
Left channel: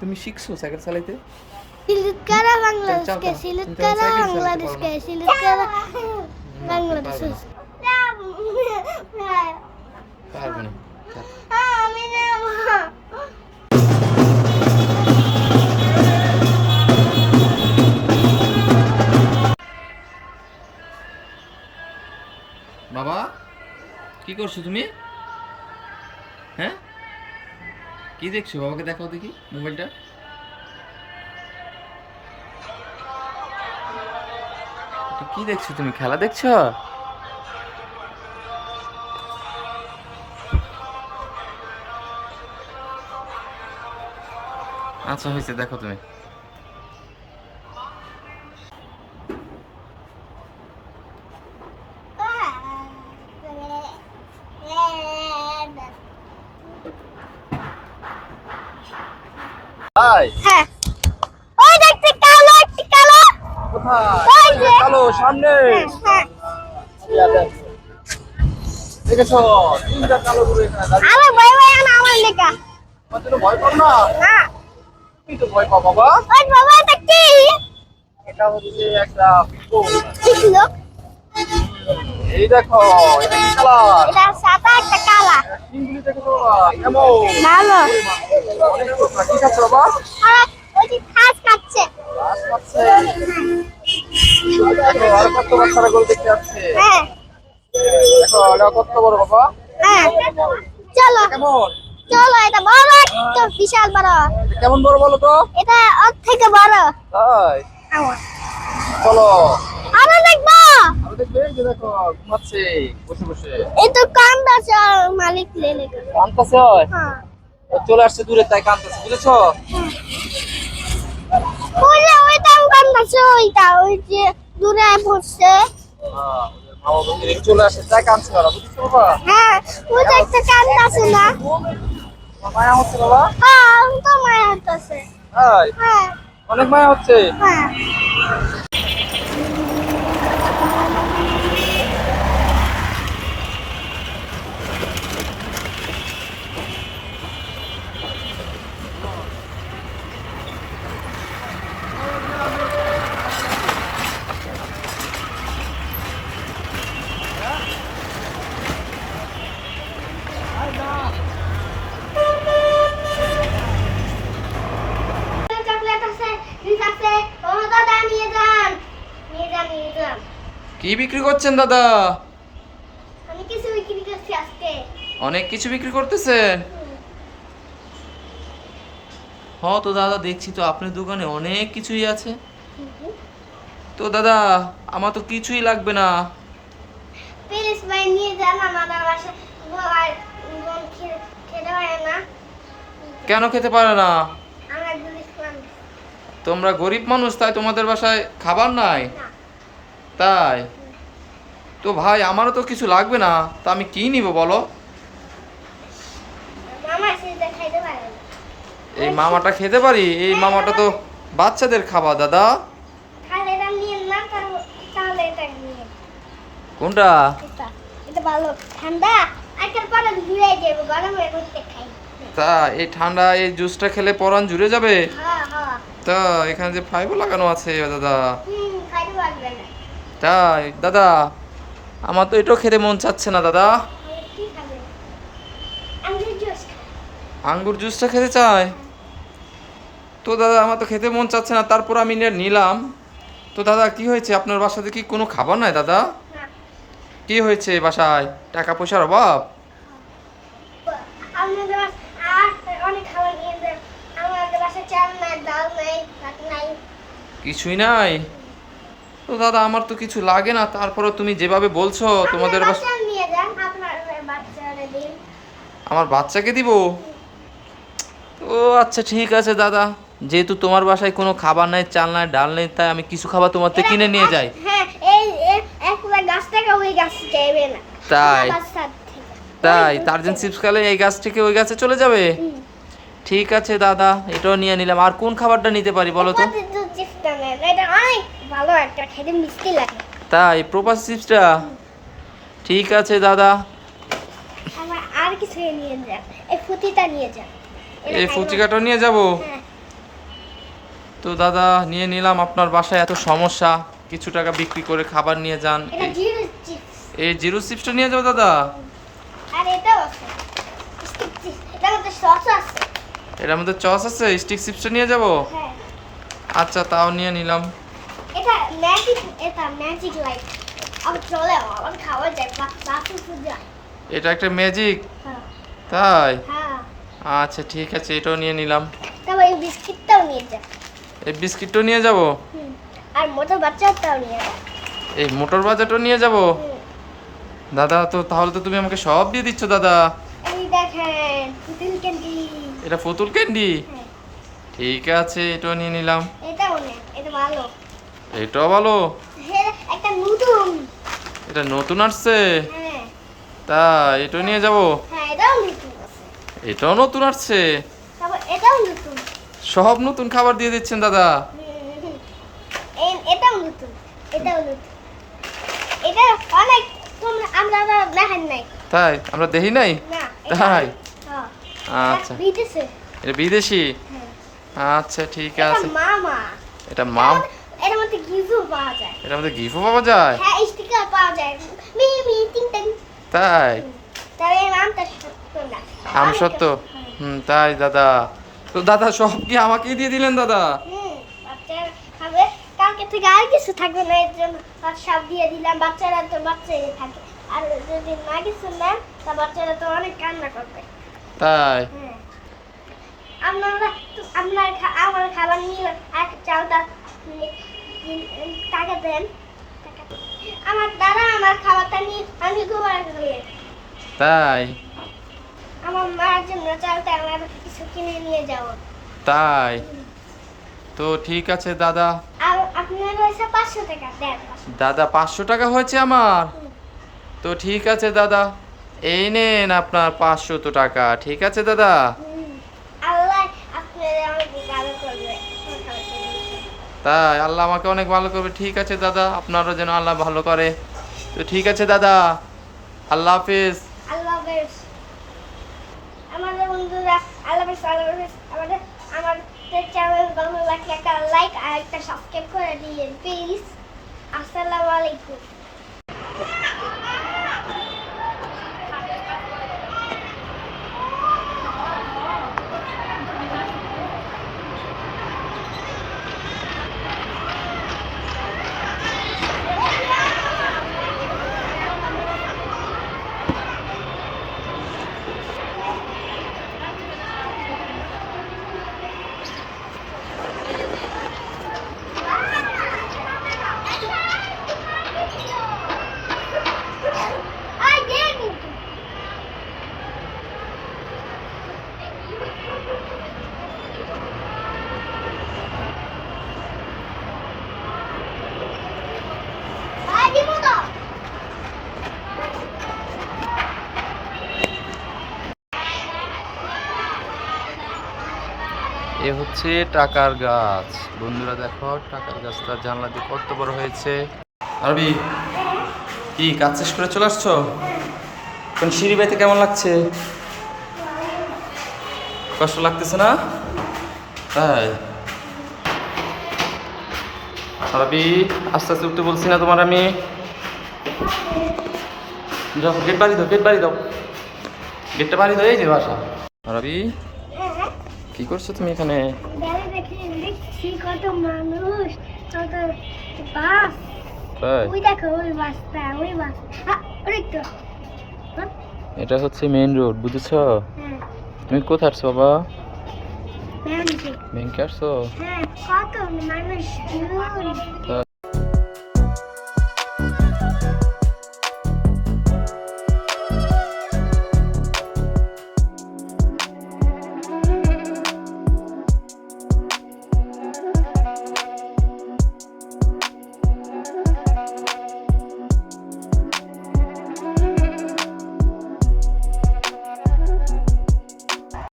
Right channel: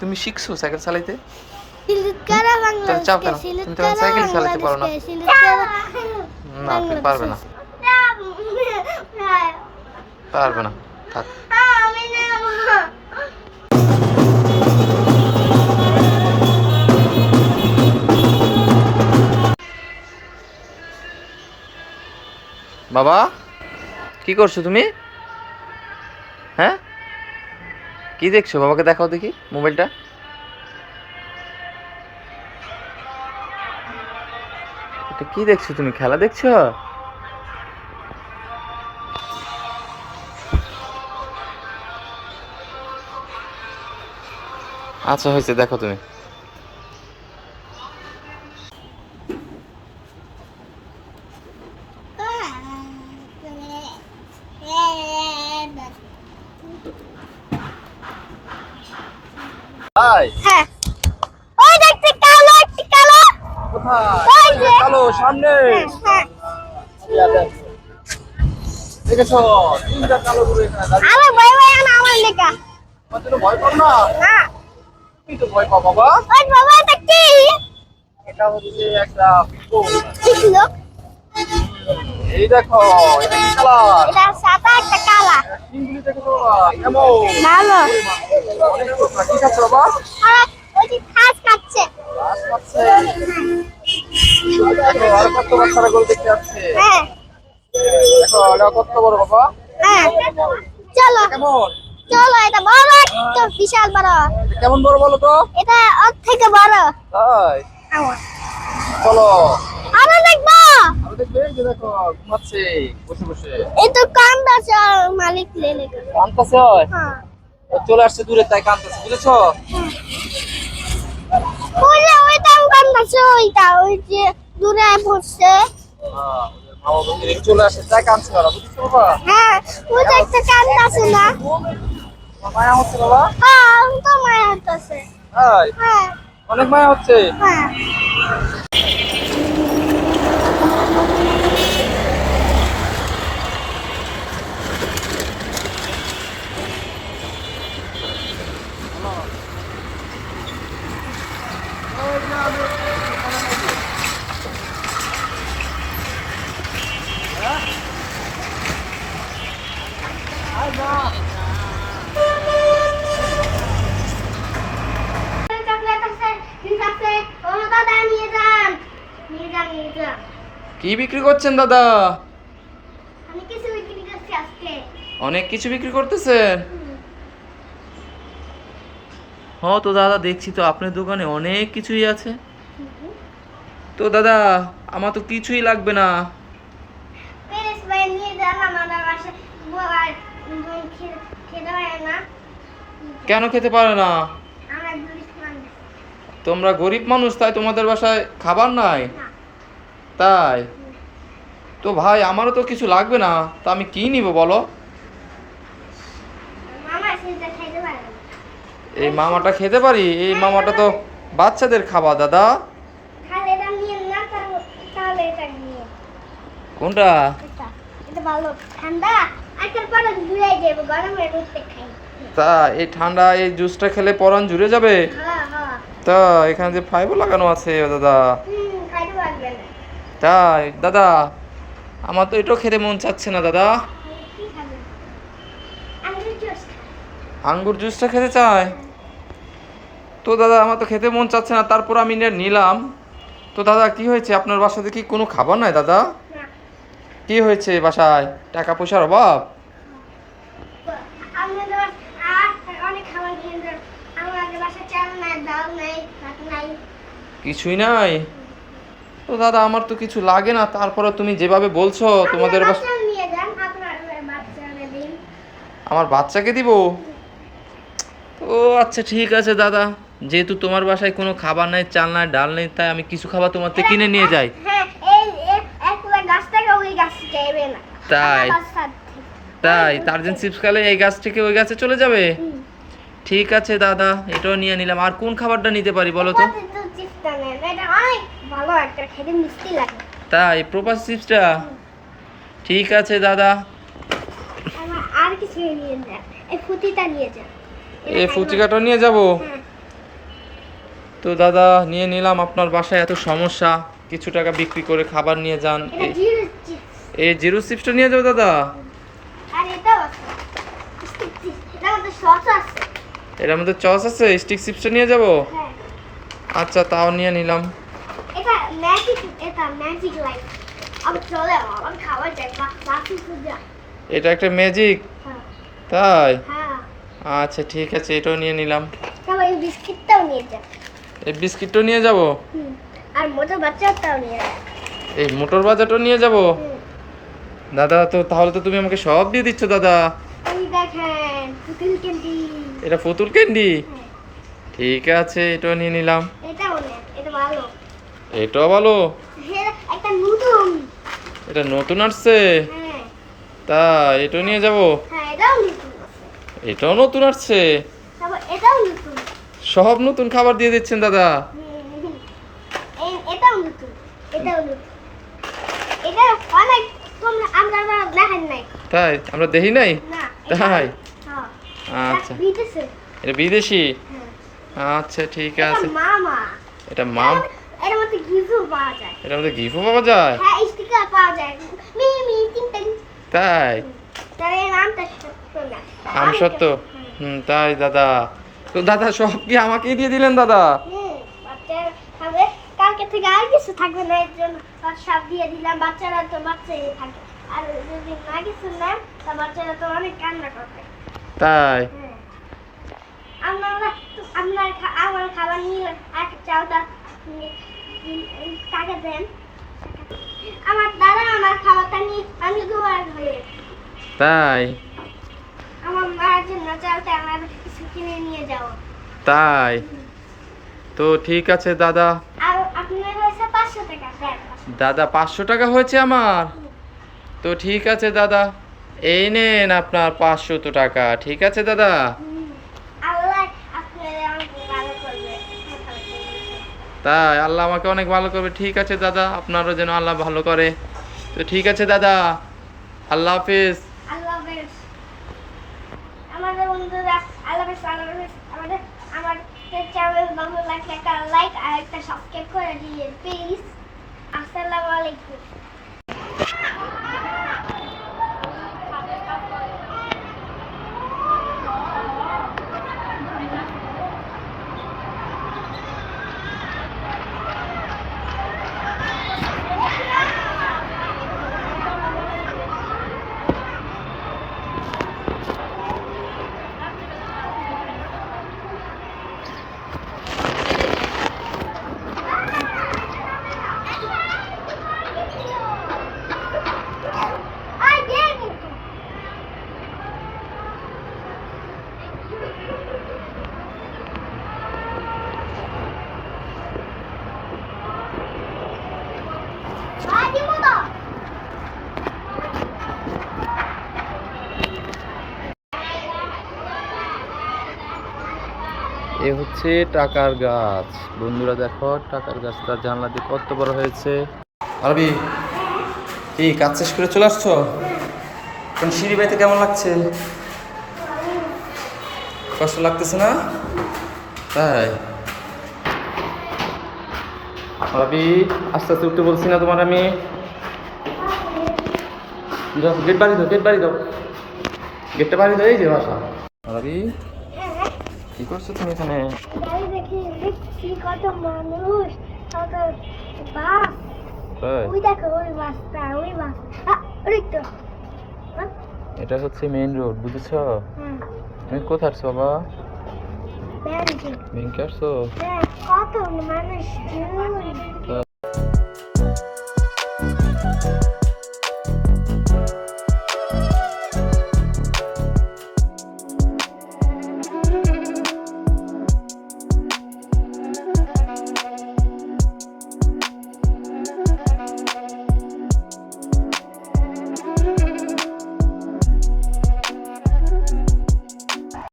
তুমি শিখছো সাইকেল চালাইতে? সিলেট করা তাহলে চাপ বাংলাদেশকে, কেন? সিলেট তুমি তো এখন করা সাইকেল চালাতে পারো না। বাংলাদেশকে, সিলেট করা না, তুমি পারবে না, যাবো। পারবে না, থাক। আমি নেবো। বাবা, কি করছো তুমি? হ্যাঁ, কি দেখছো? বাবাকে দেখাও দেখি মোবাইলটা। এটা কি দেখছো তুমি? খেলা দেখছো? আচ্ছা হয়েছে, দেখো তুমি। হ্যাঁ, ওই দেখতে কালো একটা কালো। ওই যে। চলো সামনে। হ্যাঁ, দেখেছো তিনটা কালো গরু এখানে দাঁড়িয়ে। আমার ভয় ভয় না আমার লেখা। তোমার জন্য ভয় পাও না? না, তুমি তো ভয় পাও বাবা। ওই বাবা এটা কি? এটা হচ্ছে একটা বিপদ। শিখলো। এই দেখো, এটা কি কালার? এটা সাদা একটা কালা। চিংড়ি দেখো বাবা, কেমন? ভালো। অনেক টুকরা। কি খাচ্ছ বাবা? আর ওই যে ঘাস খাচ্ছে। ঘাস খাচ্ছে। দেখো, আর কত বাচ্চারা গোল দেখতে যাচ্ছে। হ্যাঁ, দেখো, এটা কত বড় বাবা। হ্যাঁ, চলো কেমন? চলো, এটা বড় একটা বিশাল বড়। এটা কেমন বড় বলো তো? এটা ওর থেকে বড়। তাই? আমার চলো। আরো দেখবো। আমি দেখবে এই যে দেখো ঘুমাচ্ছে বসে বসে। এই তো কান্দাছে মালিক লেলে। কাঁদতেছে হয়? হ্যাঁ, ও চলে আসছে দূরে তাই কাঁদতেছে, বুঝেছো? ওই যে ওইটা কান্দাছে, ওইটা ওই যে দূরে বসছে। হ্যাঁ, ওদের মা বাবা এদিকে চলে আসছে তাই কাঁদছে ওরা, বুঝেছো বাবা? হ্যাঁ, ওই যে একটা কান্দাছে না। তোমার মায়া হচ্ছে বাবা? হ্যাঁ, আমি তো মায়া হতেছে। তাই? হ্যাঁ, অনেক মায়া হচ্ছে। হ্যাঁ। চকলেট আছে, ঠিক আছে, ও দাদা নিয়ে যান, নিয়ে যান, নিয়ে যান। কি বিক্রি করছেন দাদা? আমি কিছু বিক্রি করছি আজকে। অনেক কিছু বিক্রি করতেছেন? হ্যাঁ তো দাদা, দেখছি তো আপনার দোকানে অনেক কিছুই আছে। তো দাদা, আমার তো কিছুই লাগবে না। প্লিজ ভাই নিয়ে যান, আমাদের বাসায় আর বোন খেতে পারে না। কেন খেতে পারে না? আমরা গুলিশ মানুষ। তোমরা গরিব মানুষ তাই তোমাদের বাসায় খাবার নাই? না। তাই? তো ভাই আমারও তো কিছু লাগবে না, তা আমি কি নিব বলো? মামা সেটা খাইতে পারে না। এই মামাটা খেতে পারি? এই মামাটা তো বাচ্চাদের খাবার দাদা। তাহলে এটা নিয়ে না, তাহলে এটা নিয়ে। কোনটা? এটা ভালো ঠান্ডা, আজকাল পরে ঘুরে যাবো, গরমের মধ্যে খাই। তা এই ঠান্ডা এই জুসটা খেলে পরান জুড়ে যাবে? হ্যাঁ, হ্যাঁ। তা এখানে যে ফাইবর লাগানো আছে দাদা। খাইতে পারবে না। তাই দাদা, আমার তো এটাও খেতে মন চাচ্ছে না দাদা। আমি কি খাবে? আঙ্গুর জুস খাই। আঙ্গুর জুসটা খেতে চায়? তো দাদা আমার তো খেতে মন চাচ্ছে না, তারপর আমি নিলাম। তো দাদা কি হয়েছে, আপনার বাসাতে কি কোনো খাবার নাই দাদা? না, কি হয়েছে বাসায়? টাকা পয়সার অভাব? আমাদের বাসায় আর অনেক খাবার নিয়ে যান। আমাদের বাসায় চাল নাই, ডাল নাই, ভাত নাই। কিছুই নাই? তো দাদা আমার তো কিছু লাগে না, তারপরে তুমি যেভাবে বলছো তোমাদের বাচ্চা নিয়ে যান, আপনার বাচ্চারা দিন। আমার বাচ্চাকে দিব? ও আচ্ছা ঠিক আছে দাদা, যেহেতু তোমার বাসায় কোনো খাবার নাই, চাল নাই, ডাল নেই, তাই আমি কিছু খাবার তোমার থেকে কিনে নিয়ে যাই। হ্যাঁ, এই একটা গাছ থেকে ওই গাছ যাইবে না। তাই? আমার বাচ্চার থেকে। তাই টার্জেন চিপস খেলে এই গাছ থেকে ওই গাছে চলে যাবে? ঠিক আছে দাদা, এটাও নিয়ে নিলাম। আর কোন খাবারটা নিতে পারি বলো তো? কত তো চিপসটা নেন, এটা অনেক ভালো একটা, খেতে মিষ্টি লাগে। তাই প্রপাস চিপসটা? ঠিক আছে দাদা। আমার আর কিছু নিয়ে যান, এই ফুটিটা নিয়ে যান। এই ফুচিকাটা নিয়ে যাব? হ্যাঁ। তো দাদা নিয়ে নিলাম। আপনার বাসায় এত সমস্যা, কিছু টাকা বিক্রি করে খাবার নিয়ে যান। এটা জিরো চিপস। এই জিরো চিপসটা নিয়ে যাবো দাদা? আর এটাও আছে স্টিক চিপস, এটার মধ্যে সস আছে। এর মধ্যে চস আছে, স্টিক চিপসটা নিয়ে যাব? হ্যাঁ, আচ্ছা তাও নিয়ে নিলাম। এটা ম্যাজিক লাইট। আমি চলে আমার খাওয়া যায় না, বাকি সুজা। এটা একটা ম্যাজিক? হ্যাঁ। তাই? হ্যাঁ, আচ্ছা ঠিক আছে, এটাও নিয়ে নিলাম। তারপর এই বিস্কিটটাও নিয়ে যান। এই বিস্কিটটাও নিয়ে যাব? হুম। আর মোটর বাচ্চাটাও নিয়ে যান। এই মোটর বাজারটাও নিয়ে যাব? দাদা তো তাহলে তো তুমি আমাকে সব দিয়ে দিচ্ছ দাদা। এই দেখেন পুতুল ক্যান্ডি। এটা পুতুল ক্যান্ডি? হ্যাঁ, ঠিক আছে, এটাও নিয়ে নিলাম। এটাও নেন, এটা ভালো। এটাও ভালো? হ্যাঁ, একটা নতুন। এটা নতুন আসছে? হ্যাঁ, তা এটাও নিয়ে যাব? হ্যাঁ, এটাও নতুন আছে। এটাও নতুন আসছে? তারপর এটাও নতুন। সব নতুন খাবার দিয়ে দিচ্ছেন দাদা। এটাও নতুন, এটাও নতুন। এটা অনেক কম, আমরা দেখেন নাই। তাই? আমরা দেখি নাই? না, তাই? হ্যাঁ, আচ্ছা, বিদেশে। এটা বিদেশি? হ্যাঁ, আচ্ছা ঠিক এটা আছে। মামা। এটা মাম? এর মধ্যে গিফটও পাওয়া যায়। এটার মধ্যে গিফটও পাওয়া যায়? হ্যাঁ, স্টিকার পাওয়া যায়। মি মি টিং টিং। তাই? তাহলে এই আমটা সত্য না। আম সত্য? হ্যাঁ। তাই দাদা। তো দাদা সব কি আমাকেই দিয়ে দিলেন দাদা? বাচ্চারা খাবে, কালকে থেকে আর কিছু থাকবে না, এর জন্য সব দিয়ে দিলাম। বাচ্চারা তো বাচ্চাই থাকে, আর যদি না কিছু নেন তা বাচ্চারা তো অনেক কান্না করবে। তাই? হ্যাঁ। আমার খাবার নিয়ে এক চালটা টাকা দেন। আমার দাদা আমার খাবারটা নিয়ে আমি গোবার করে তাই? আমার মায়ের জন্য চালটা আমার কিছু কিনে নিয়ে যাও। তাই? তো ঠিক আছে দাদা। আর আপনার হয়েছে 500 টাকা দেন। দাদা 500 টাকা হয়েছে আমার? তো ঠিক আছে দাদা, এই নেন আপনার 500 টাকা। ঠিক আছে দাদা। আল্লাহ আপনাদের অনেক ভালো করবে। তাই? আল্লাহ আমাকে অনেক ভালো করবে। ঠিক আছে দাদা, আপনারও যেন আল্লাহ ভালো করে। তো ঠিক আছে দাদা, আল্লাহ হাফিজ। আল্লাহ হাফেজ। আমাদের বন্ধুরা আল্লাহ হাফেজ, আল্লাহ হাফেজ। আমাদের চ্যানেল ভালো লাগলে একটা লাইক আর একটা সাবস্ক্রাইব করে দিন প্লিজ। আসসালামু আলাইকুম। Ay, Jenny. Ay, di mo to. এ হচ্ছে টাকার গাছ। বন্ধুরা দেখো, টাকার গাছটা জানলা দিয়ে কত বড় হয়েছে। আরবি, কি কাজ শেষ করে চলে আসছো? কোন সিঁড়ি বাইতে কেমন লাগছে? কষ্ট লাগতেছে না? তাই? আরবি, আস্তে আস্তে উঠতে বলছি না তোমার আমি? যাও, গেট বাড়ি দাও, গেট বাড়ি দাও, গেটটা বাড়ি দাও। এই যে বাসা। আরবি, কি করছো তুমি এখানে? দেখছি কত মানুষ, কত বাস। তাই? ওই দেখো, ওই বাসটা, ওই বাস। ওই তো। এটা হচ্ছে মেইন রোড, বুঝেছো? হ্যাঁ। তুমি কোথায় আসছো বাবা? ব্যাংকে। ব্যাংকে আসছো? হ্যাঁ, কত মানুষ